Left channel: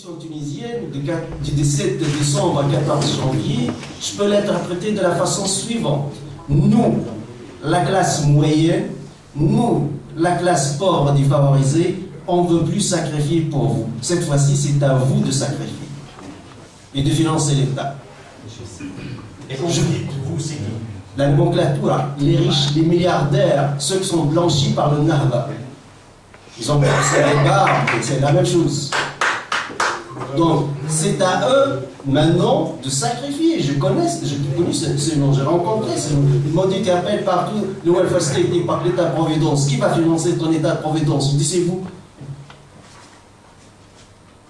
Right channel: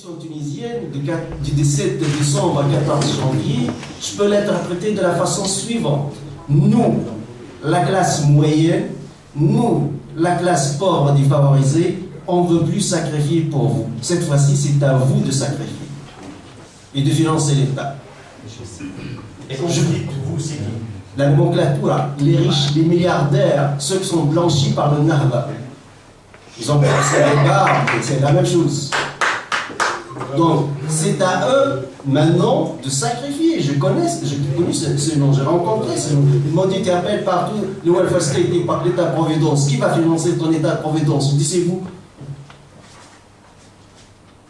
révolution tunisienne du 17 décembre à 14 janvier, je peux l'interpréter de la façon suivante. Nous, la classe moyenne, nous, la classe pauvre défavorisée, on ne veut plus sacrifier pour vous. Cette fois-ci, c'est à vous de sacrifier et de financer l'État. Et quand je dis vous, c'est qui? La nomenclature, les riches, les milliardaires, ceux qui sont blanchis par le Nahda. Ils ont pensé les barbes, c'est la même chose. Donc, c'est à eux, maintenant, de sacrifier. Je connais ce nom, j'ai rencontré ce nom. Ils m'ont dit, tu appelles partout le welfare state et par l'État-providence. Qui va financer ton État-providence? Je dis, c'est vous.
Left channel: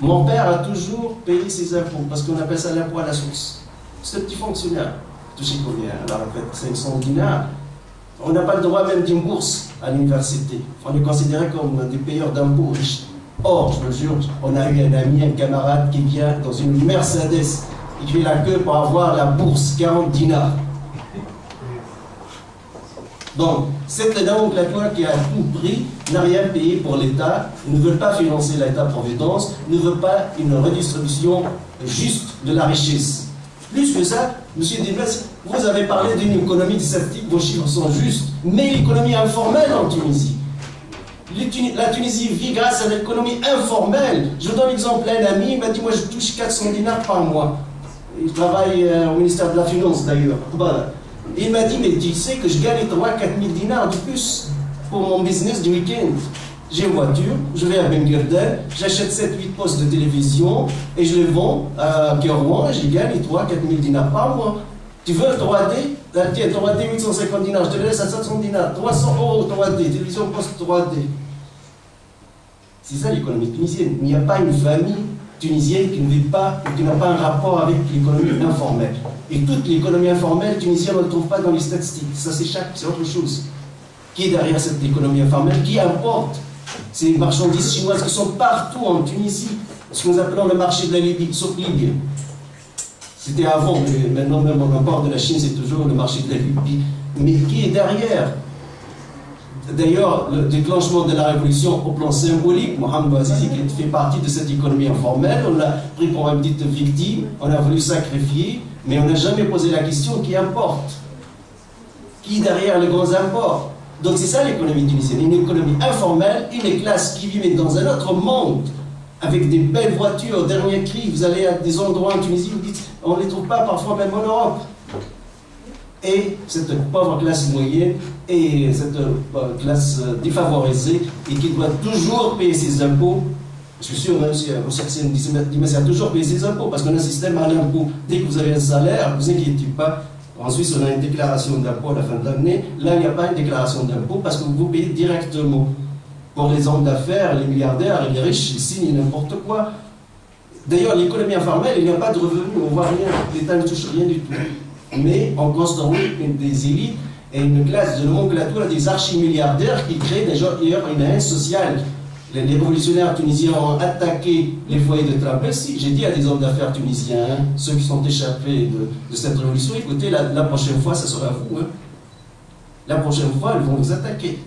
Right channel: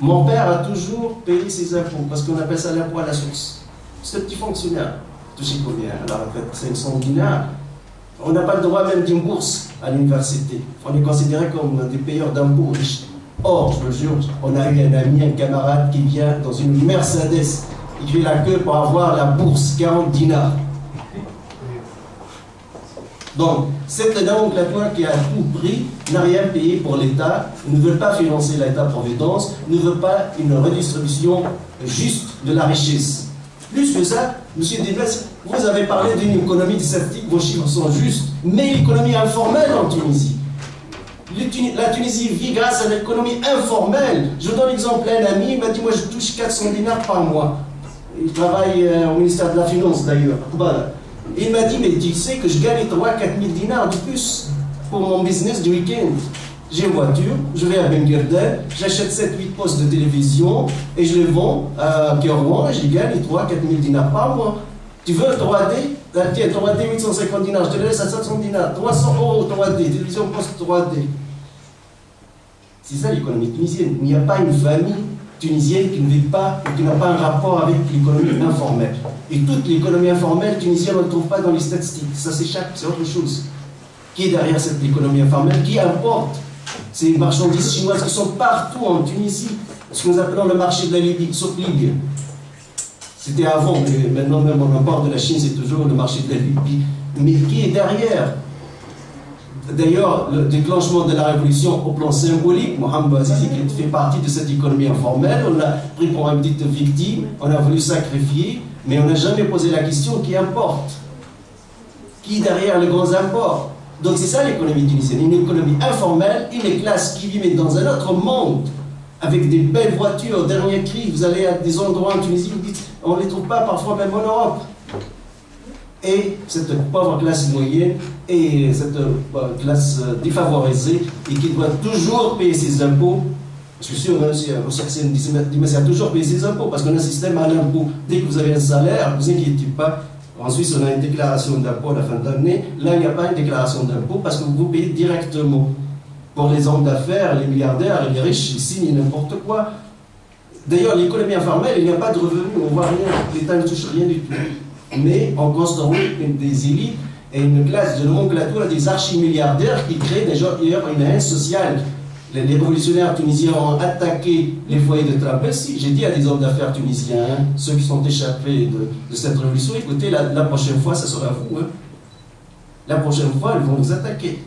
Mon père a toujours payé ses impôts, parce qu'on appelle ça l'impôt à la source. C'est un petit fonctionnaire. Touché combien? À la retraite, 500 dinars. On n'a pas le droit même d'une bourse à l'université. On est considéré comme des payeurs d'impôts riches. Or, je me jure, on a eu un ami, un camarade qui vient dans une Mercedes. Il fait la queue pour avoir la bourse, 40 dinars. Donc, cette nomenclature qui a tout pris n'a rien payé pour l'État, ne veut pas financer l'État-providence, ne veut pas une redistribution juste de la richesse. Plus que ça, M. Delbès, vous avez parlé d'une économie désertique, vos chiffres sont justes, mais l'économie informelle en Tunisie. La Tunisie vit grâce à l'économie informelle. Je vous donne l'exemple d'un ami, il m'a dit, moi je touche 400 dinars par mois. Il travaille au ministère de la Finance d'ailleurs. Voilà. Il m'a dit, mais tu sais que je gagne 3-4 000 dinars de plus pour mon business du week-end. J'ai une voiture, je vais à Ben Guerdin, j'achète 7-8 postes de télévision et je les vends à Kérouan et je gagne 3-4 000 dinars par mois. Tu veux un 3D? Tiens, 3D 850 dinars, je te le laisse à 700 dinars. 300 € 3D, télévision poste 3D. C'est ça l'économie tunisienne. Il n'y a pas une famille tunisienne qui ne vit pas ou qui n'a pas un rapport avec l'économie informelle. Et toute l'économie informelle tunisienne, on ne le trouve pas dans les statistiques. Ça s'échappe, c'est autre chose. Qui est derrière cette économie informelle? Qui importe ces marchandises chinoises qui sont partout en Tunisie? Ce que nous appelons le marché de la Libye, sauf Libye. C'était avant, mais maintenant même au port de la Chine, c'est toujours le marché de la Libye. Mais qui est derrière? D'ailleurs, le déclenchement de la révolution au plan symbolique, Mohamed Bouazizi, qui fait partie de cette économie informelle, on l'a pris pour une petite victime, on a voulu sacrifier, mais on n'a jamais posé la question qui importe. Qui est derrière les grands imports? Donc c'est ça l'économie tunisienne, une économie informelle, une classe qui vit dans un autre monde, avec des belles voitures, dernier cri. Vous allez à des endroits en Tunisie, vous dites, on ne les trouve pas parfois même en Europe. Et cette pauvre classe moyenne et cette classe défavorisée et qui doit toujours payer ses impôts. Je suis sûr, même si certains disent, mais ça a toujours payé ses impôts parce qu'on a un système à l'impôt. Dès que vous avez un salaire, ne vous inquiétez pas. En Suisse, on a une déclaration d'impôt à la fin de l'année. Là, il n'y a pas une déclaration d'impôt parce que vous payez directement. Pour les hommes d'affaires, les milliardaires et les riches, ils signent n'importe quoi. D'ailleurs, l'économie informelle, il n'y a pas de revenus, on ne voit rien. L'État ne touche rien du tout. Mais on construit des élites et une classe de nomenclature des archimilliardaires qui créent d'ailleurs une haine sociale. Les révolutionnaires tunisiens ont attaqué les foyers de travail. Si, j'ai dit à des hommes d'affaires tunisiens, ceux qui sont échappés de cette révolution, écoutez, la prochaine fois, ça sera vous. Hein. La prochaine fois, ils vont vous attaquer.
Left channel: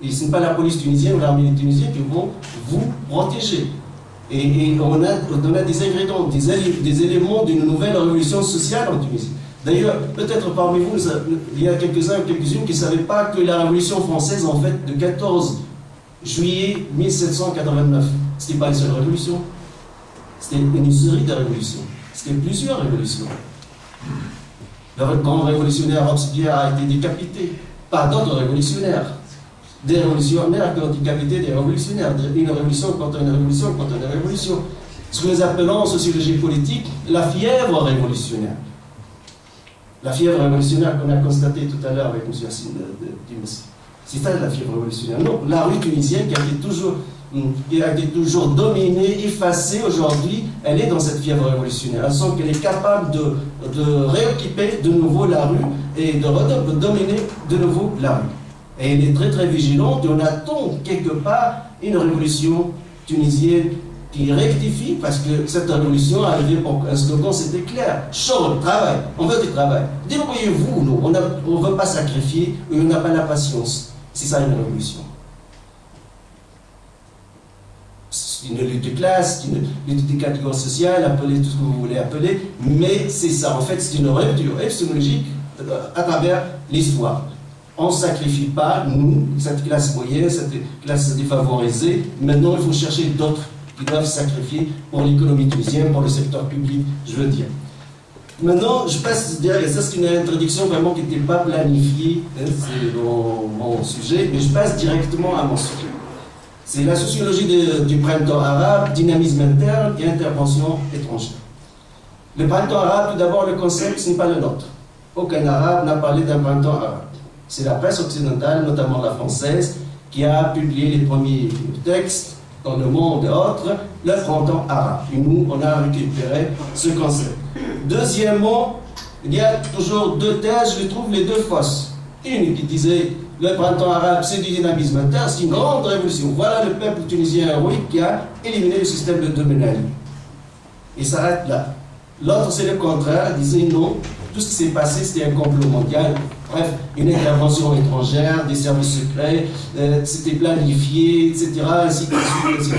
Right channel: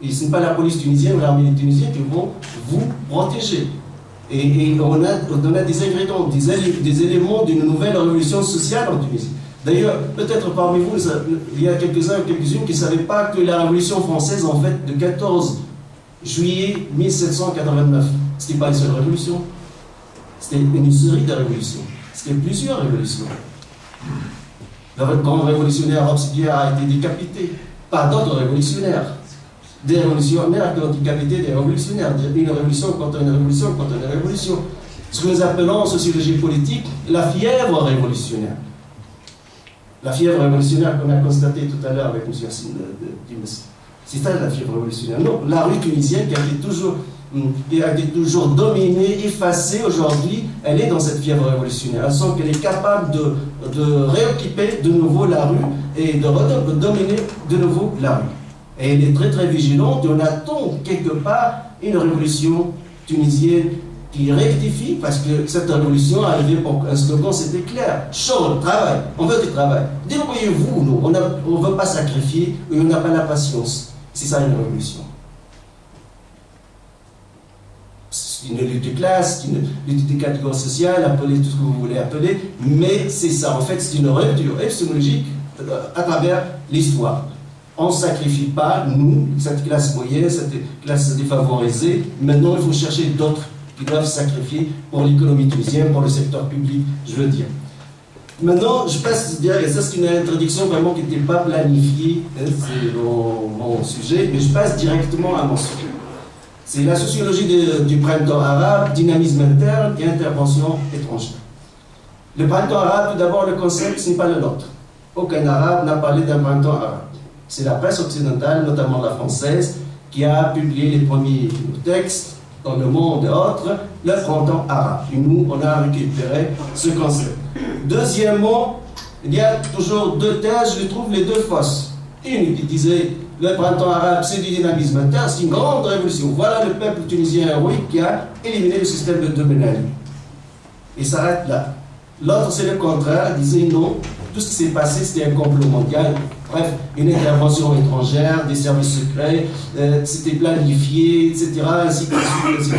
Et ce n'est pas la police tunisienne ou l'armée tunisienne qui vont vous protéger. Et on a des ingrédients, des éléments d'une nouvelle révolution sociale en Tunisie. D'ailleurs, peut-être parmi vous, il y a quelques-uns ou quelques-unes qui ne savaient pas que la Révolution française, en fait, de 14 juillet 1789, ce n'était pas une seule révolution. C'était une série de révolutions. C'était plusieurs révolutions. Le grand révolutionnaire Robespierre a été décapité par d'autres révolutionnaires. Des révolutionnaires qui ont décapité des révolutionnaires. Une révolution contre une révolution contre une révolution. Ce que nous appelons en sociologie politique la fièvre révolutionnaire. La fièvre révolutionnaire qu'on a constatée tout à l'heure avec M. Yassine Dimessi. C'est ça la fièvre révolutionnaire. Non, la rue tunisienne qui a été toujours dominée, effacée aujourd'hui, elle est dans cette fièvre révolutionnaire. Elle sent qu'elle est capable de réoccuper de nouveau la rue et de dominer de nouveau la rue. Et elle est très très vigilante et on attend quelque part une révolution tunisienne qui rectifie, parce que cette révolution est arrivée pour un slogan, c'était clair. Chaud, travail, on veut du travail. Débrouillez-vous, nous, on ne veut pas sacrifier, et on n'a pas la patience. C'est ça une révolution. c'est une lutte de classe, c'est une lutte des catégories sociales, appelez tout ce que vous voulez appeler, mais c'est ça, en fait, c'est une rupture épistémologique à travers l'histoire. On ne sacrifie pas, nous, cette classe moyenne, cette classe défavorisée. Maintenant, il faut chercher d'autres qui doivent sacrifier pour l'économie tunisienne, pour le secteur public, je veux dire. Maintenant, je passe direct, ça c'est une introduction vraiment qui n'était pas planifiée, hein, c'est mon sujet, mais je passe directement à mon sujet. C'est la sociologie du printemps arabe, dynamisme interne et intervention étrangère. Le printemps arabe, tout d'abord, le concept, ce n'est pas le nôtre. Aucun arabe n'a parlé d'un printemps arabe. C'est la presse occidentale, notamment la française, qui a publié les premiers textes dans le monde et autres, le printemps arabe. Et nous, on a récupéré ce concept. Deuxièmement, il y a toujours deux thèses, je trouve les deux fausses. Une qui disait le printemps arabe, c'est du dynamisme interne, c'est une grande révolution. Voilà le peuple tunisien héroïque qui a éliminé le système de Ben Ali. Il s'arrête là. L'autre, c'est le contraire, disait non, tout ce qui s'est passé, c'était un complot mondial. Bref, une intervention étrangère, des services secrets, c'était planifié, etc. Ainsi de suite.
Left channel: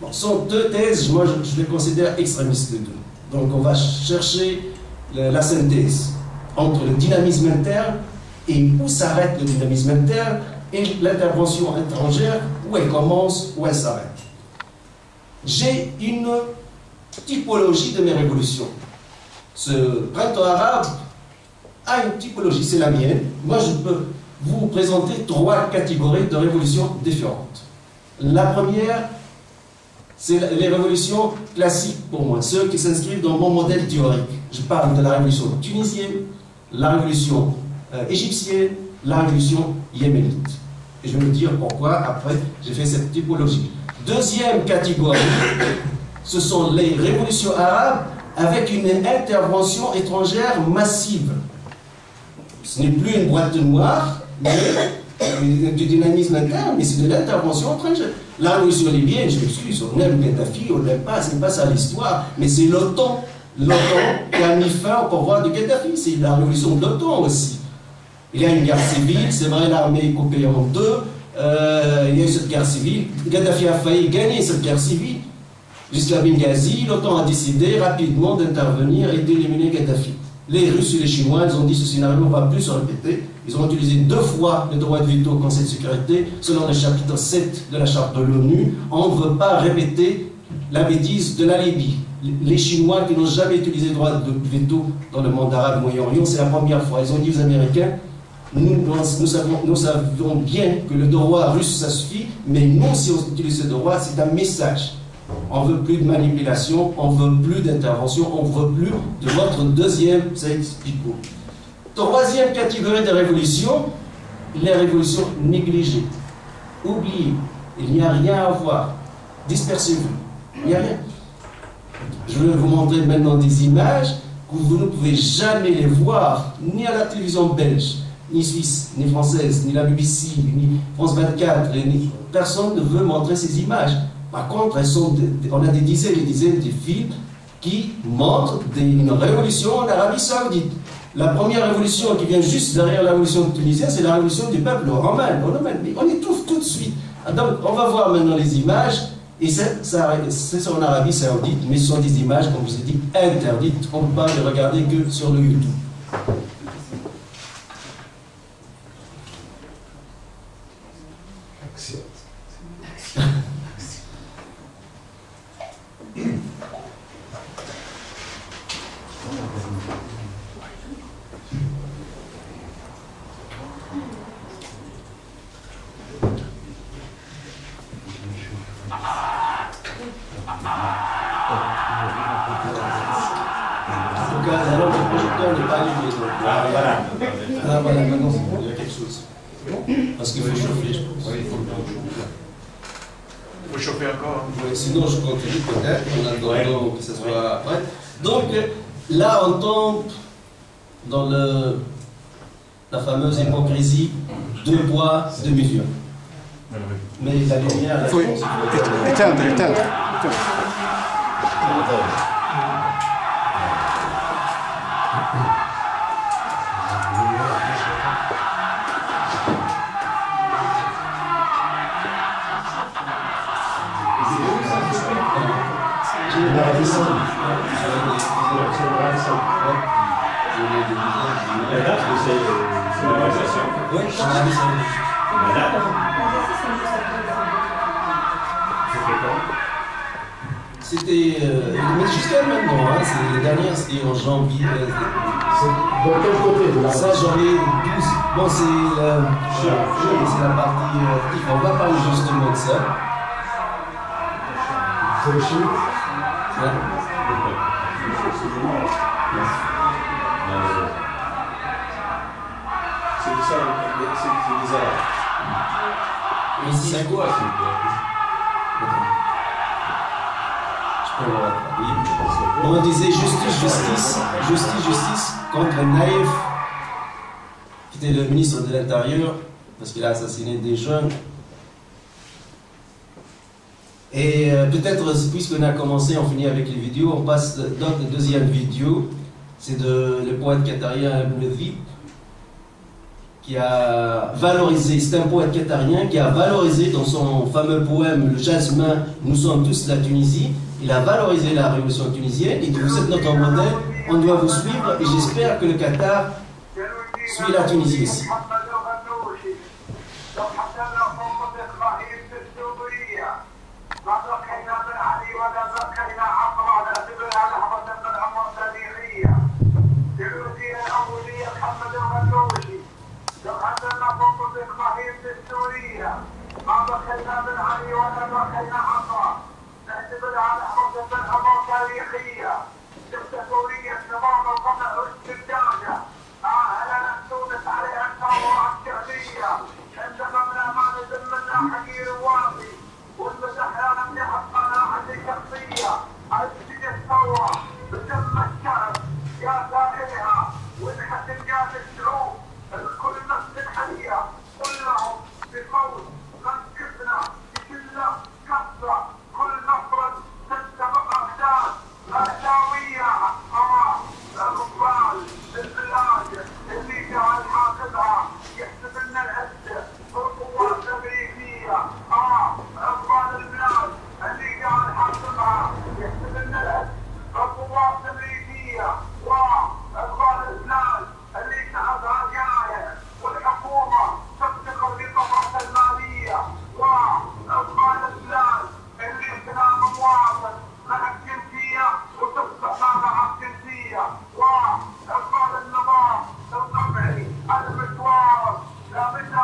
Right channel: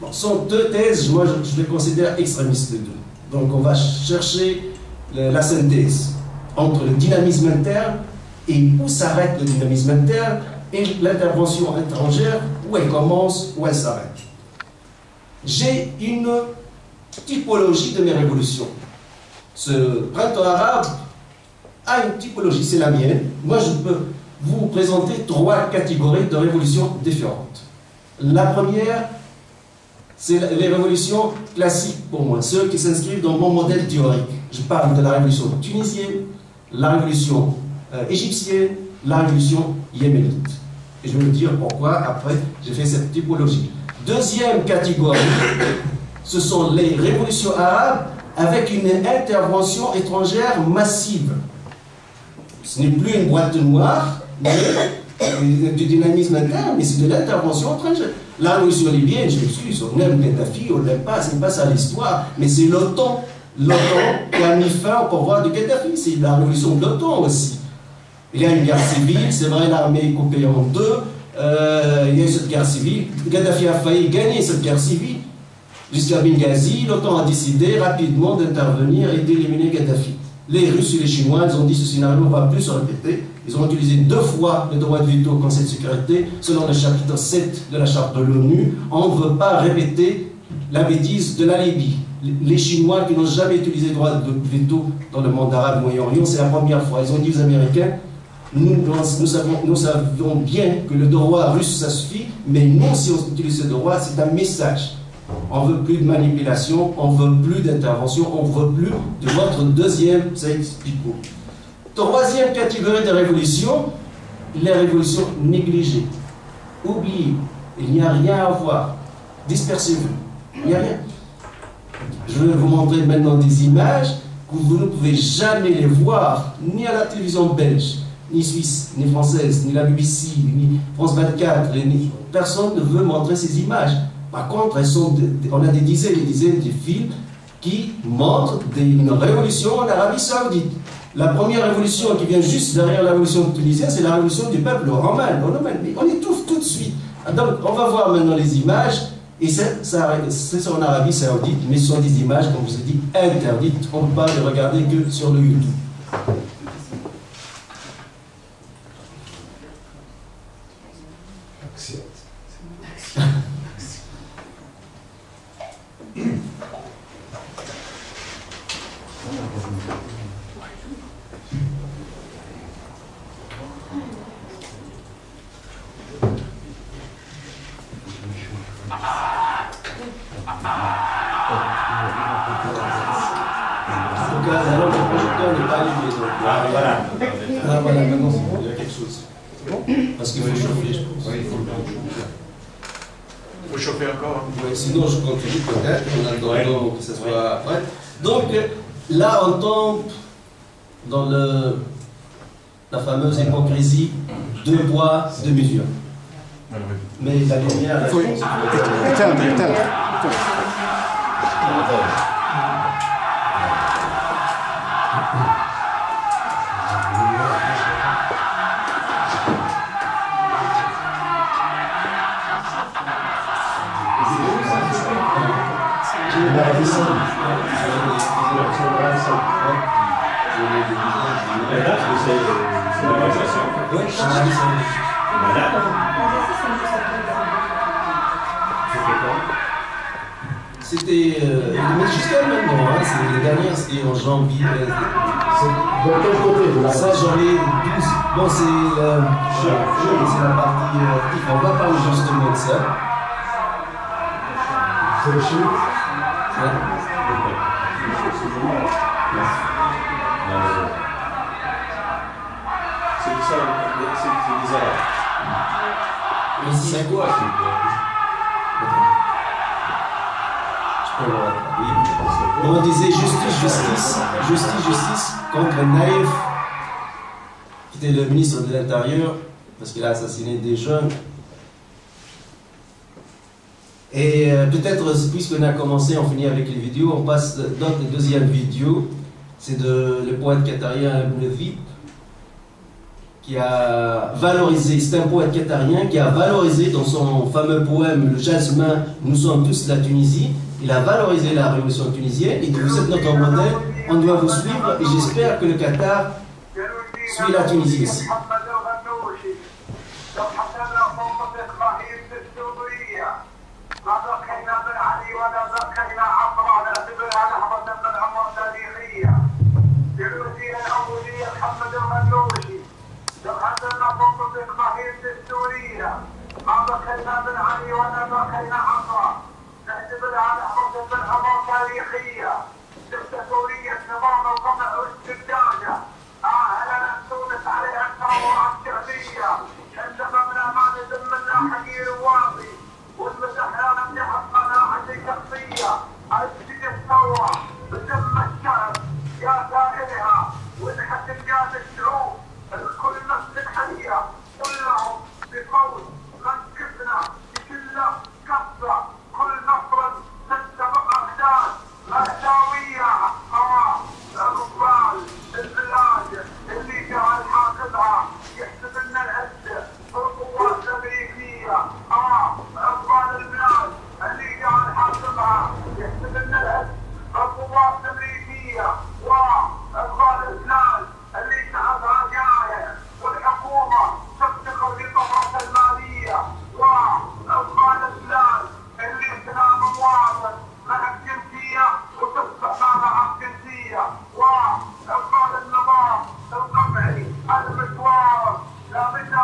Bon, ce sont deux thèses, moi je les considère extrémistes les deux. Donc on va chercher la synthèse entre le dynamisme interne et où s'arrête le dynamisme interne et l'intervention étrangère, où elle commence, où elle s'arrête. J'ai une typologie de mes révolutions. Ce printemps arabe a une typologie, c'est la mienne. Moi, je peux vous présenter trois catégories de révolutions différentes. La première, c'est les révolutions classiques pour moi, ceux qui s'inscrivent dans mon modèle théorique. Je parle de la révolution tunisienne, la révolution égyptienne, la révolution yéménite. Et je vais vous dire pourquoi, après, j'ai fait cette typologie. Deuxième catégorie, ce sont les révolutions arabes avec une intervention étrangère massive. Ce n'est plus une boîte noire, mais du dynamisme interne, mais c'est de l'intervention étrangère. La révolution libyenne, je m'excuse, on aime Kadhafi, on n'aime pas, c'est pas ça l'histoire, mais c'est l'OTAN. L'OTAN qui a mis fin au pouvoir de Kadhafi, c'est la révolution de l'OTAN aussi. Il y a une guerre civile, c'est vrai, l'armée est coupée en deux, il y a eu cette guerre civile, Kadhafi a failli gagner cette guerre civile. Jusqu'à Benghazi, l'OTAN a décidé rapidement d'intervenir et d'éliminer Kadhafi. Les Russes et les Chinois, ils ont dit ce scénario ne va plus se répéter. Ils ont utilisé 2 fois le droit de veto au Conseil de sécurité, selon le chapitre 7 de la charte de l'ONU. On ne veut pas répéter la bêtise de la Libye. Les Chinois qui n'ont jamais utilisé le droit de veto dans le monde arabe Moyen-Orient, c'est la première fois. Ils ont dit aux Américains, nous savons bien que le droit russe, ça suffit, mais nous, si on utilise ce droit, c'est un message. On ne veut plus de manipulation, on ne veut plus d'intervention, on ne veut plus de votre deuxième, ça explique. Troisième catégorie de révolution, les révolutions négligées, oubliées. Il n'y a rien à voir, dispersez-vous, il n'y a rien. Je vais vous montrer maintenant des images que vous ne pouvez jamais les voir, ni à la télévision belge, ni suisse, ni française, ni la BBC, ni France 24, personne ne veut montrer ces images. Par contre, on a des dizaines et des dizaines de films qui montrent une révolution en Arabie Saoudite. La première révolution qui vient juste derrière la révolution tunisienne, c'est la révolution du peuple romain. On étouffe tout de suite. Donc, on va voir maintenant les images, et c'est en Arabie Saoudite, mais ce sont des images, comme je vous ai dit, interdites. On ne peut pas les regarder que sur le YouTube. Parce qu'il faut chauffer, je pense. Oui, il faut chauffer encore. Oui, sinon, je continue peut-être, en attendant que ce soit après. Donc, là, on tombe dans la fameuse hypocrisie, 2 poids, 2 mesures. Mais la lumière... Il faut éteindre. l'Arabie Saoudite. La date, c'est l'organisation. Oui, La date. C'était quand? c'était mais jusqu'à maintenant, hein, c'est les dernières, c'était en janvier. C'est de quel côté de la Ça, janvier 12. Bon, c'est la partie. On va parler justement de ça. C'est le chiite. Ouais. C'est des Arabes. Mais c'est quoi? Je peux le rattraper. On disait justice contre Naïf, qui était le ministre de l'Intérieur, parce qu'il a assassiné des jeunes. Et peut-être, puisqu'on a commencé, on finit avec les vidéos, on passe dans la deuxième vidéo. C'est le poète qatarien Ibn Dhib, qui a valorisé, c'est un poète qatarien qui a valorisé dans son fameux poème Le Jasmin, nous sommes tous la Tunisie, il a valorisé la révolution tunisienne, il dit vous êtes notre modèle, on doit vous suivre et j'espère que le Qatar suit la Tunisie aussi. ما بخلنا من علي ولا بخلنا عطاء نعتبر على حرب الأمر تاريخية دكتاتورية نظام القمع واستبداده أهلا تونس عليها الثورة الشعبية عندما من أمان ذمنا حقير واطي والمسحرة نمنح قناعة شخصية أجد الثورة بدم الشعب يا سائلها ونحت الجاد الشعوب الكل نفس الحية كلهم بقول من كفنا بكل كفة كل نفر تتبع أقدام مأساوية الرجال البلاد اللي جعل حاكمها يحسب لنا العزة والقوات الأمريكية أفغان البلاد اللي جعل حاكمها يحسب لنا العزة والقوات الأمريكية وأفغان البلاد اللي شعبها جاية والحكومة تفتقر للطبقة المالية وأفغان البلاد اللي اغتنام مواطن مع الجنسية وتصبح مع الجنسية وأفغان النظام القمعي المشوار لا بد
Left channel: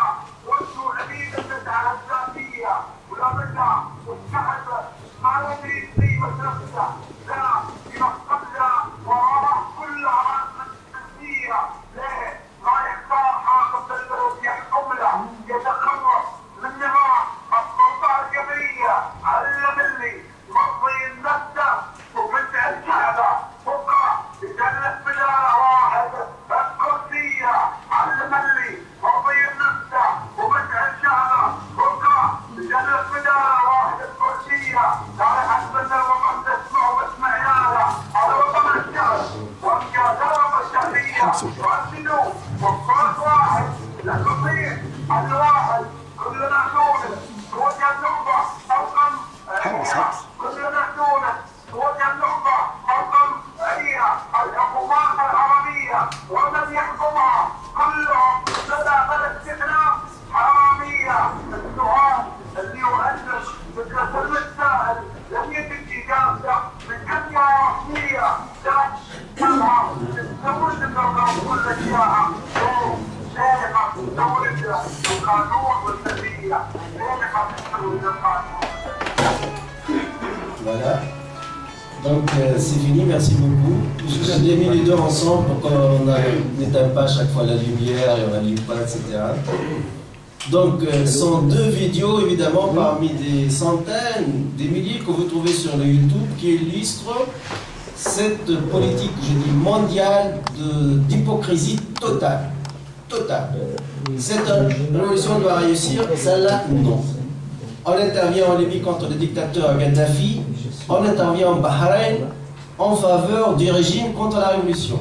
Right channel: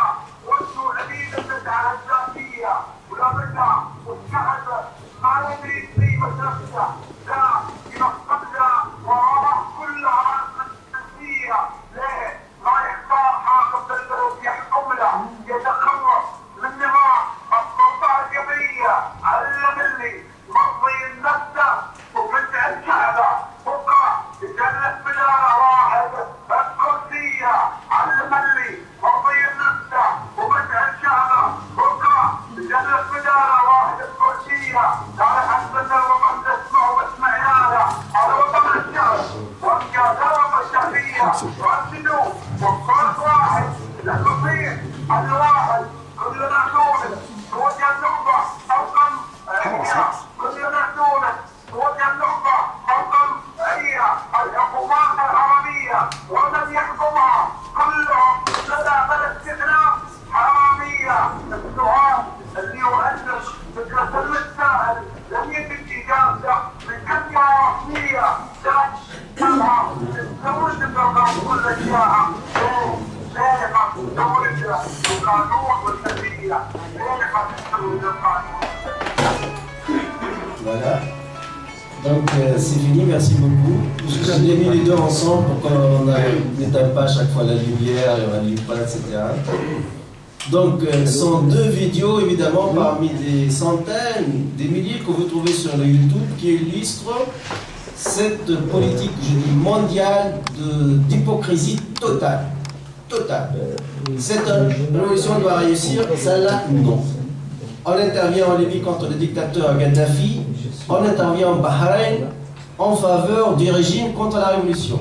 وانتو عبيد المسعى الذاتية ولا بد والشعب ما يدري قيمة نفسه لا ينقذ وراء كل عرض الجنسية ليه؟ ما يختار حاكم بالبلد يحكم له يتخلص من نظام السلطة الجبرية علم اللي مرضي نفسه وبدع الشعب بكره يجلس بدار واحد الكرسية علم اللي مرضي نفسه وبدع الشعب بكره يجلس بدار واحد الكرسية تعال حسبنا الوطن تسمع واسمع يالا هذا وطن الشعب وابقى درب الشعبية راشدوا وفرق واحد الكرسية الواحد كلنا نونس توجه النخبة رقم كلنا تونس توجه النخبة رقم هي الحكومات الحرامية ومن يحكمها كلهم بلا بلا استثناء حرامية. السؤال اللي يؤلف فكرة المتسائل لم يتم إجابته من كلمة رسمية تشملها الثورة النظام كل أشياء سابقة دولة القانون والتنمية سابقة الثورة القانون. Voilà. Donc c'est fini, merci beaucoup. J'ai mis les deux ensemble pour qu'on n'éteigne pas à chaque fois la lumière et on n'allume pas, etc. Donc ce sont deux vidéos évidemment parmi des centaines, des milliers que vous trouvez sur le YouTube qui illustrent cette politique, je dis mondiale, d'hypocrisie totale. Totale. Cette révolution doit réussir, celle-là, non. On intervient en Libye contre le dictateur Gaddafi, on intervient en Bahreïn en faveur du régime contre la révolution.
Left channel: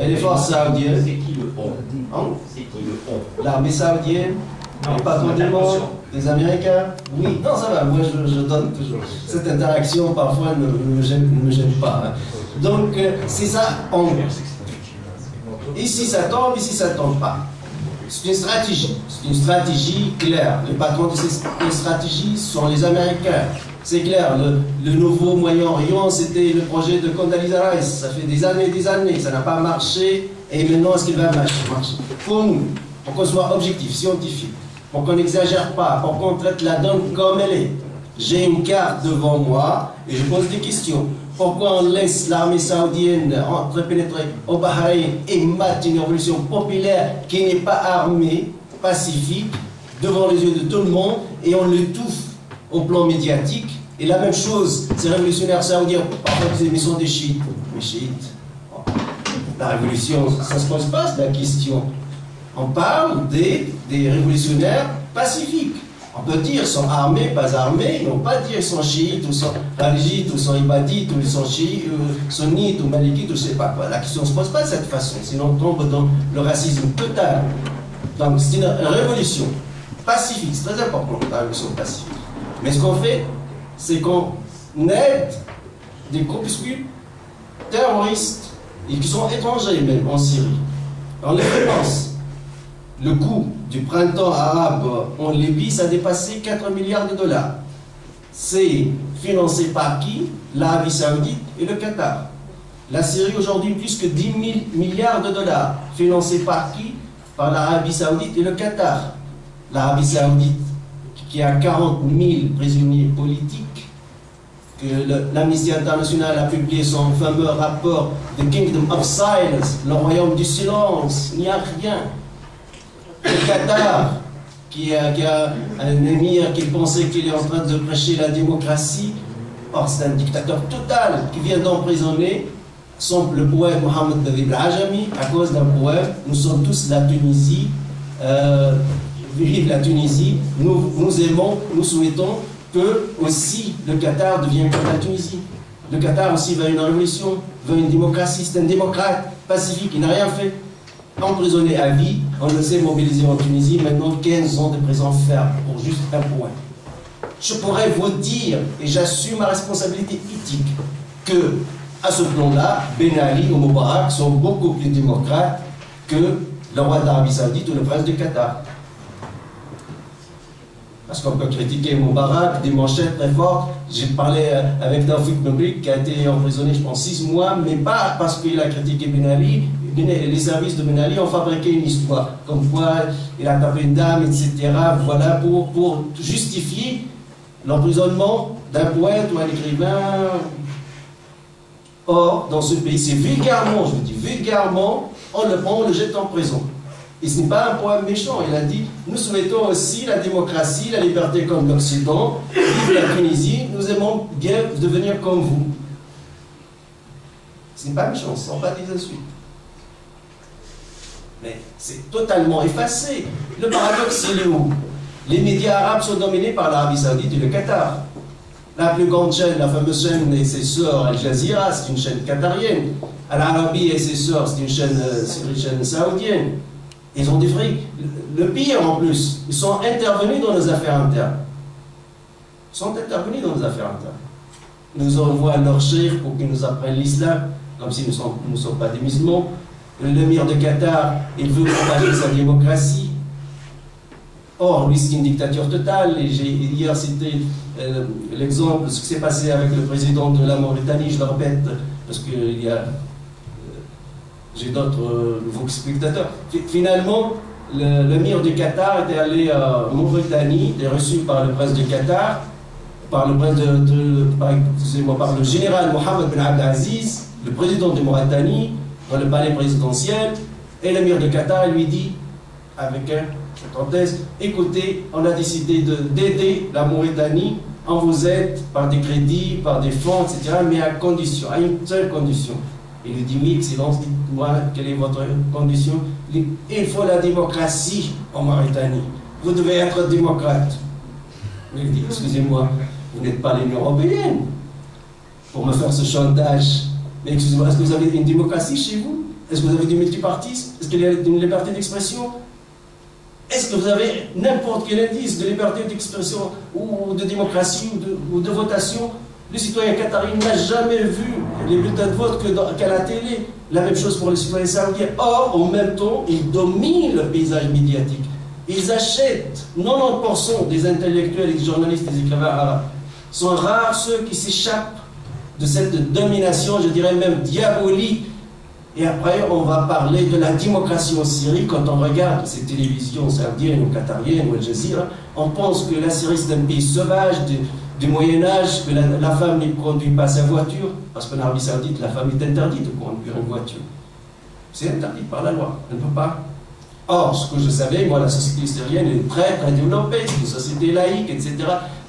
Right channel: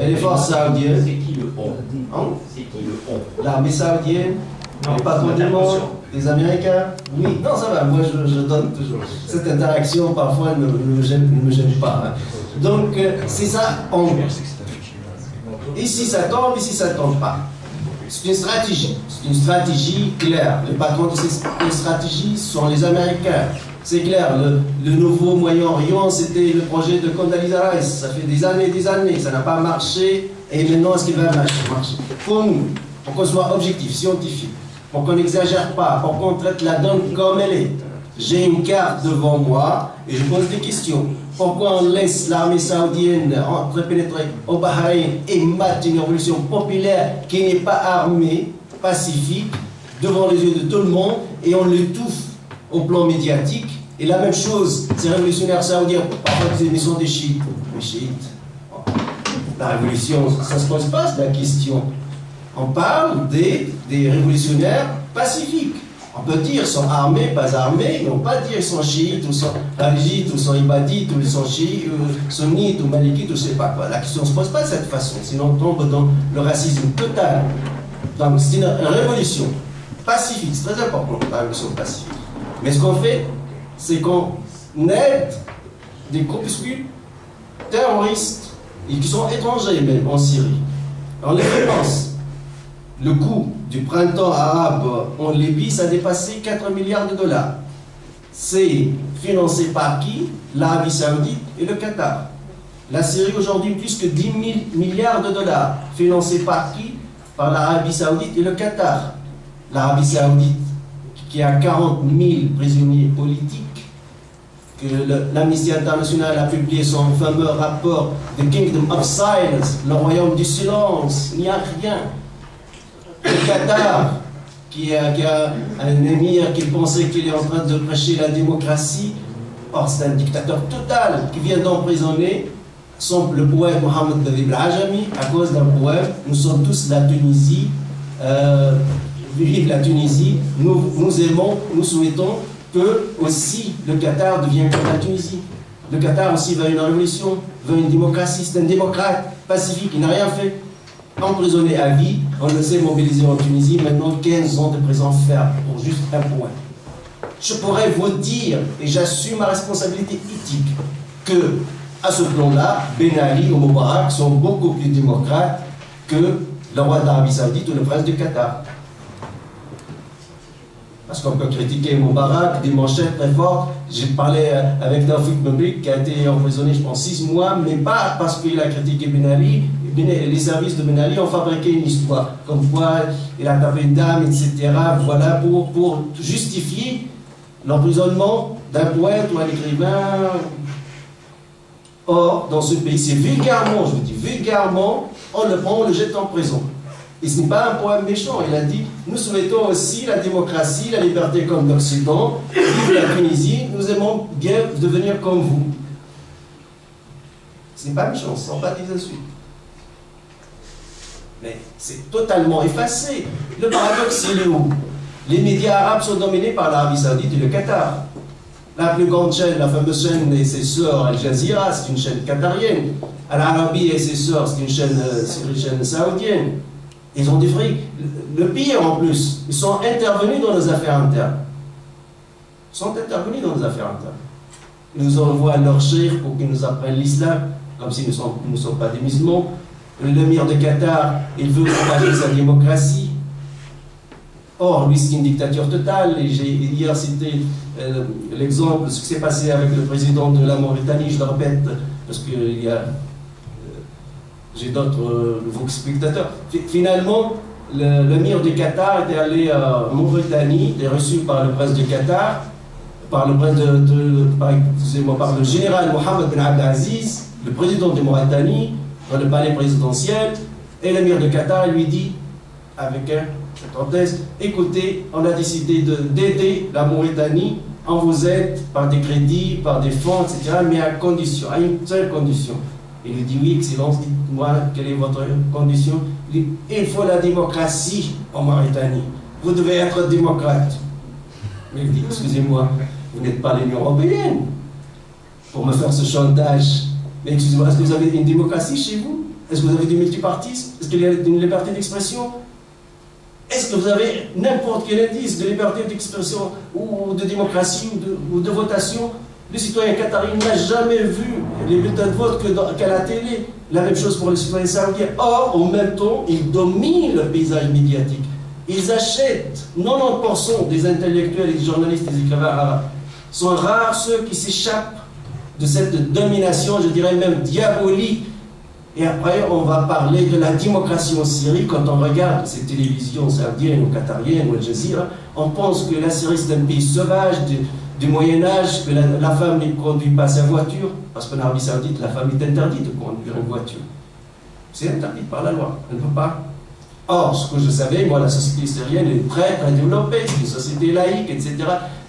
Et les forces saoudiennes, C'est qui le on? hein? C'est qui le on? L'armée saoudienne, Les patrons du monde, les Américains, oui, non ça va, moi je donne toujours. Cette interaction parfois ne me gêne pas. Hein. Donc c'est ça en gros. Ici ça tombe pas. C'est une stratégie claire. Les patrons de ces stratégies sont les Américains. C'est clair, le nouveau Moyen-Orient, c'était le projet de Condoleezza Rice. Ça fait des années, ça n'a pas marché. Et maintenant, est-ce qu'il va marcher? Pour nous, pour qu'on soit objectif, scientifique, pour qu'on n'exagère pas, pour qu'on traite la donne comme elle est. J'ai une carte devant moi et je pose des questions. Pourquoi on laisse l'armée saoudienne entrepénétrer au Bahreïn et battre une révolution populaire qui n'est pas armée, pacifique, devant les yeux de tout le monde, et on l'étouffe au plan médiatique? Et la même chose, ces révolutionnaires saoudiens, parfois ils sont des chiites. Les chiites, la révolution, ça ne se pose pas la question. On parle des révolutionnaires pacifiques. On peut dire qu'ils sont armés, pas armés, mais on ne peut pas dire qu'ils sont chiites, ou sont kharijites, ou sont ibadites, ou ils sont chiites, ou sunnites, ou malikites, ou je ne sais pas quoi. La question ne se pose pas de cette façon, sinon on tombe dans le racisme total. Donc c'est une révolution pacifique, c'est très important, la révolution pacifique. Mais ce qu'on fait, c'est qu'on aide des groupuscules terroristes, et qui sont étrangers même en Syrie. On les finance. Le coût du printemps arabe en Libye, ça a dépassé 4 milliards de dollars. C'est financé par qui? L'Arabie Saoudite et le Qatar. La Syrie aujourd'hui, plus que 10 000 milliards de dollars. Financé par qui? Par l'Arabie Saoudite et le Qatar. L'Arabie Saoudite, qui a 40 000 prisonniers politiques, que l'Amnesty International a publié son fameux rapport The Kingdom of Silence, le royaume du silence, il n'y a rien. Le Qatar, qui a un émir qui pensait qu'il est en train de prêcher la démocratie, or c'est un dictateur total qui vient d'emprisonner le poète Mohamed Dabib Al-Ajami à cause d'un poème. Nous sommes tous la Tunisie, vive la Tunisie, nous aimons, nous souhaitons que aussi le Qatar devienne comme la Tunisie. Le Qatar aussi veut une révolution, veut une démocratie, c'est un démocrate pacifique, il n'a rien fait. Emprisonné à vie, on le sait, mobilisé en Tunisie, maintenant 15 ans de prison ferme pour juste un point. Je pourrais vous dire, et j'assume ma responsabilité éthique, que à ce plan-là, Ben Ali ou Moubarak sont beaucoup plus démocrates que le roi d'Arabie Saoudite ou le prince du Qatar. Parce qu'on peut critiquer Moubarak, des manchettes très fortes. J'ai parlé avec Tawfiq Mebrik qui a été emprisonné, je pense, 6 mois, mais pas parce qu'il a critiqué Ben Ali. Les services de Ben Ali ont fabriqué une histoire, comme quoi il a tapé une dame, etc. Voilà, pour justifier l'emprisonnement d'un poète ou un écrivain. Or, dans ce pays, c'est vulgairement, je vous dis vulgairement, on le prend, on le jette en prison. Et ce n'est pas un poème méchant, il a dit « Nous souhaitons aussi la démocratie, la liberté comme l'Occident, vive la Tunisie, nous aimons bien devenir comme vous. » Ce n'est pas méchant, ce ne sont pas des insultes. Mais c'est totalement effacé. Le paradoxe, c'est où? Les médias arabes sont dominés par l'Arabie Saoudite et le Qatar. La plus grande chaîne, la fameuse chaîne et ses sœurs Al Jazeera, c'est une chaîne qatarienne. Al-Arabi et ses sœurs, c'est une chaîne saoudienne. Ils ont des frics. Le pire en plus, ils sont intervenus dans nos affaires internes. Ils sont intervenus dans nos affaires internes. Ils nous envoient leurs cheikhs pour qu'ils nous apprennent l'islam, comme si nous ne sommes pas des musulmans. L'émir de Qatar, il veut propager sa démocratie. Or, lui, c'est une dictature totale. Et j'ai hier cité l'exemple, ce qui s'est passé avec le président de la Mauritanie, je le répète, parce que j'ai d'autres nouveaux spectateurs. Finalement, l'émir du Qatar était allé en Mauritanie, il est reçu par le prince du Qatar, par le général Mohamed Ben Abdelaziz, le président de Mauritanie, dans le palais présidentiel, et l'émir de Qatar lui dit, avec un parenthèse, écoutez, on a décidé d'aider la Mauritanie, on vous aide par des crédits, par des fonds, etc., mais à condition, à une seule condition. Il lui dit, oui, Excellence, dites-moi, quelle est votre condition? Il dit, il faut la démocratie en Mauritanie. Vous devez être démocrate. Il dit, excusez-moi, vous n'êtes pas l'Union européenne pour me faire ce chantage. Mais excusez-moi, est-ce que vous avez une démocratie chez vous? Est-ce que vous avez du multipartisme? Est-ce qu'il y a une liberté d'expression? Est-ce que vous avez n'importe quel indice de liberté d'expression ou de démocratie ou de votation? Le citoyen qatari n'a jamais vu les bulletins de vote qu'à la télé. La même chose pour les citoyens saoudiens. Or, en même temps, ils dominent le paysage médiatique. Ils achètent 90% des intellectuels, des journalistes, des écrivains arabes. Sont rares ceux qui s'échappent de cette domination, je dirais même diabolique. Et après, on va parler de la démocratie en Syrie. Quand on regarde ces télévisions saoudiennes ou qatariennes ou Al Jazeera, on pense que la Syrie c'est un pays sauvage du Moyen-Âge, que la femme ne conduit pas sa voiture, parce qu'en Arabie Saoudite, la femme est interdite de conduire une voiture. C'est interdit par la loi, elle ne peut pas. Or, ce que je savais, moi, la société syrienne est très, très développée, c'est une société laïque, etc.,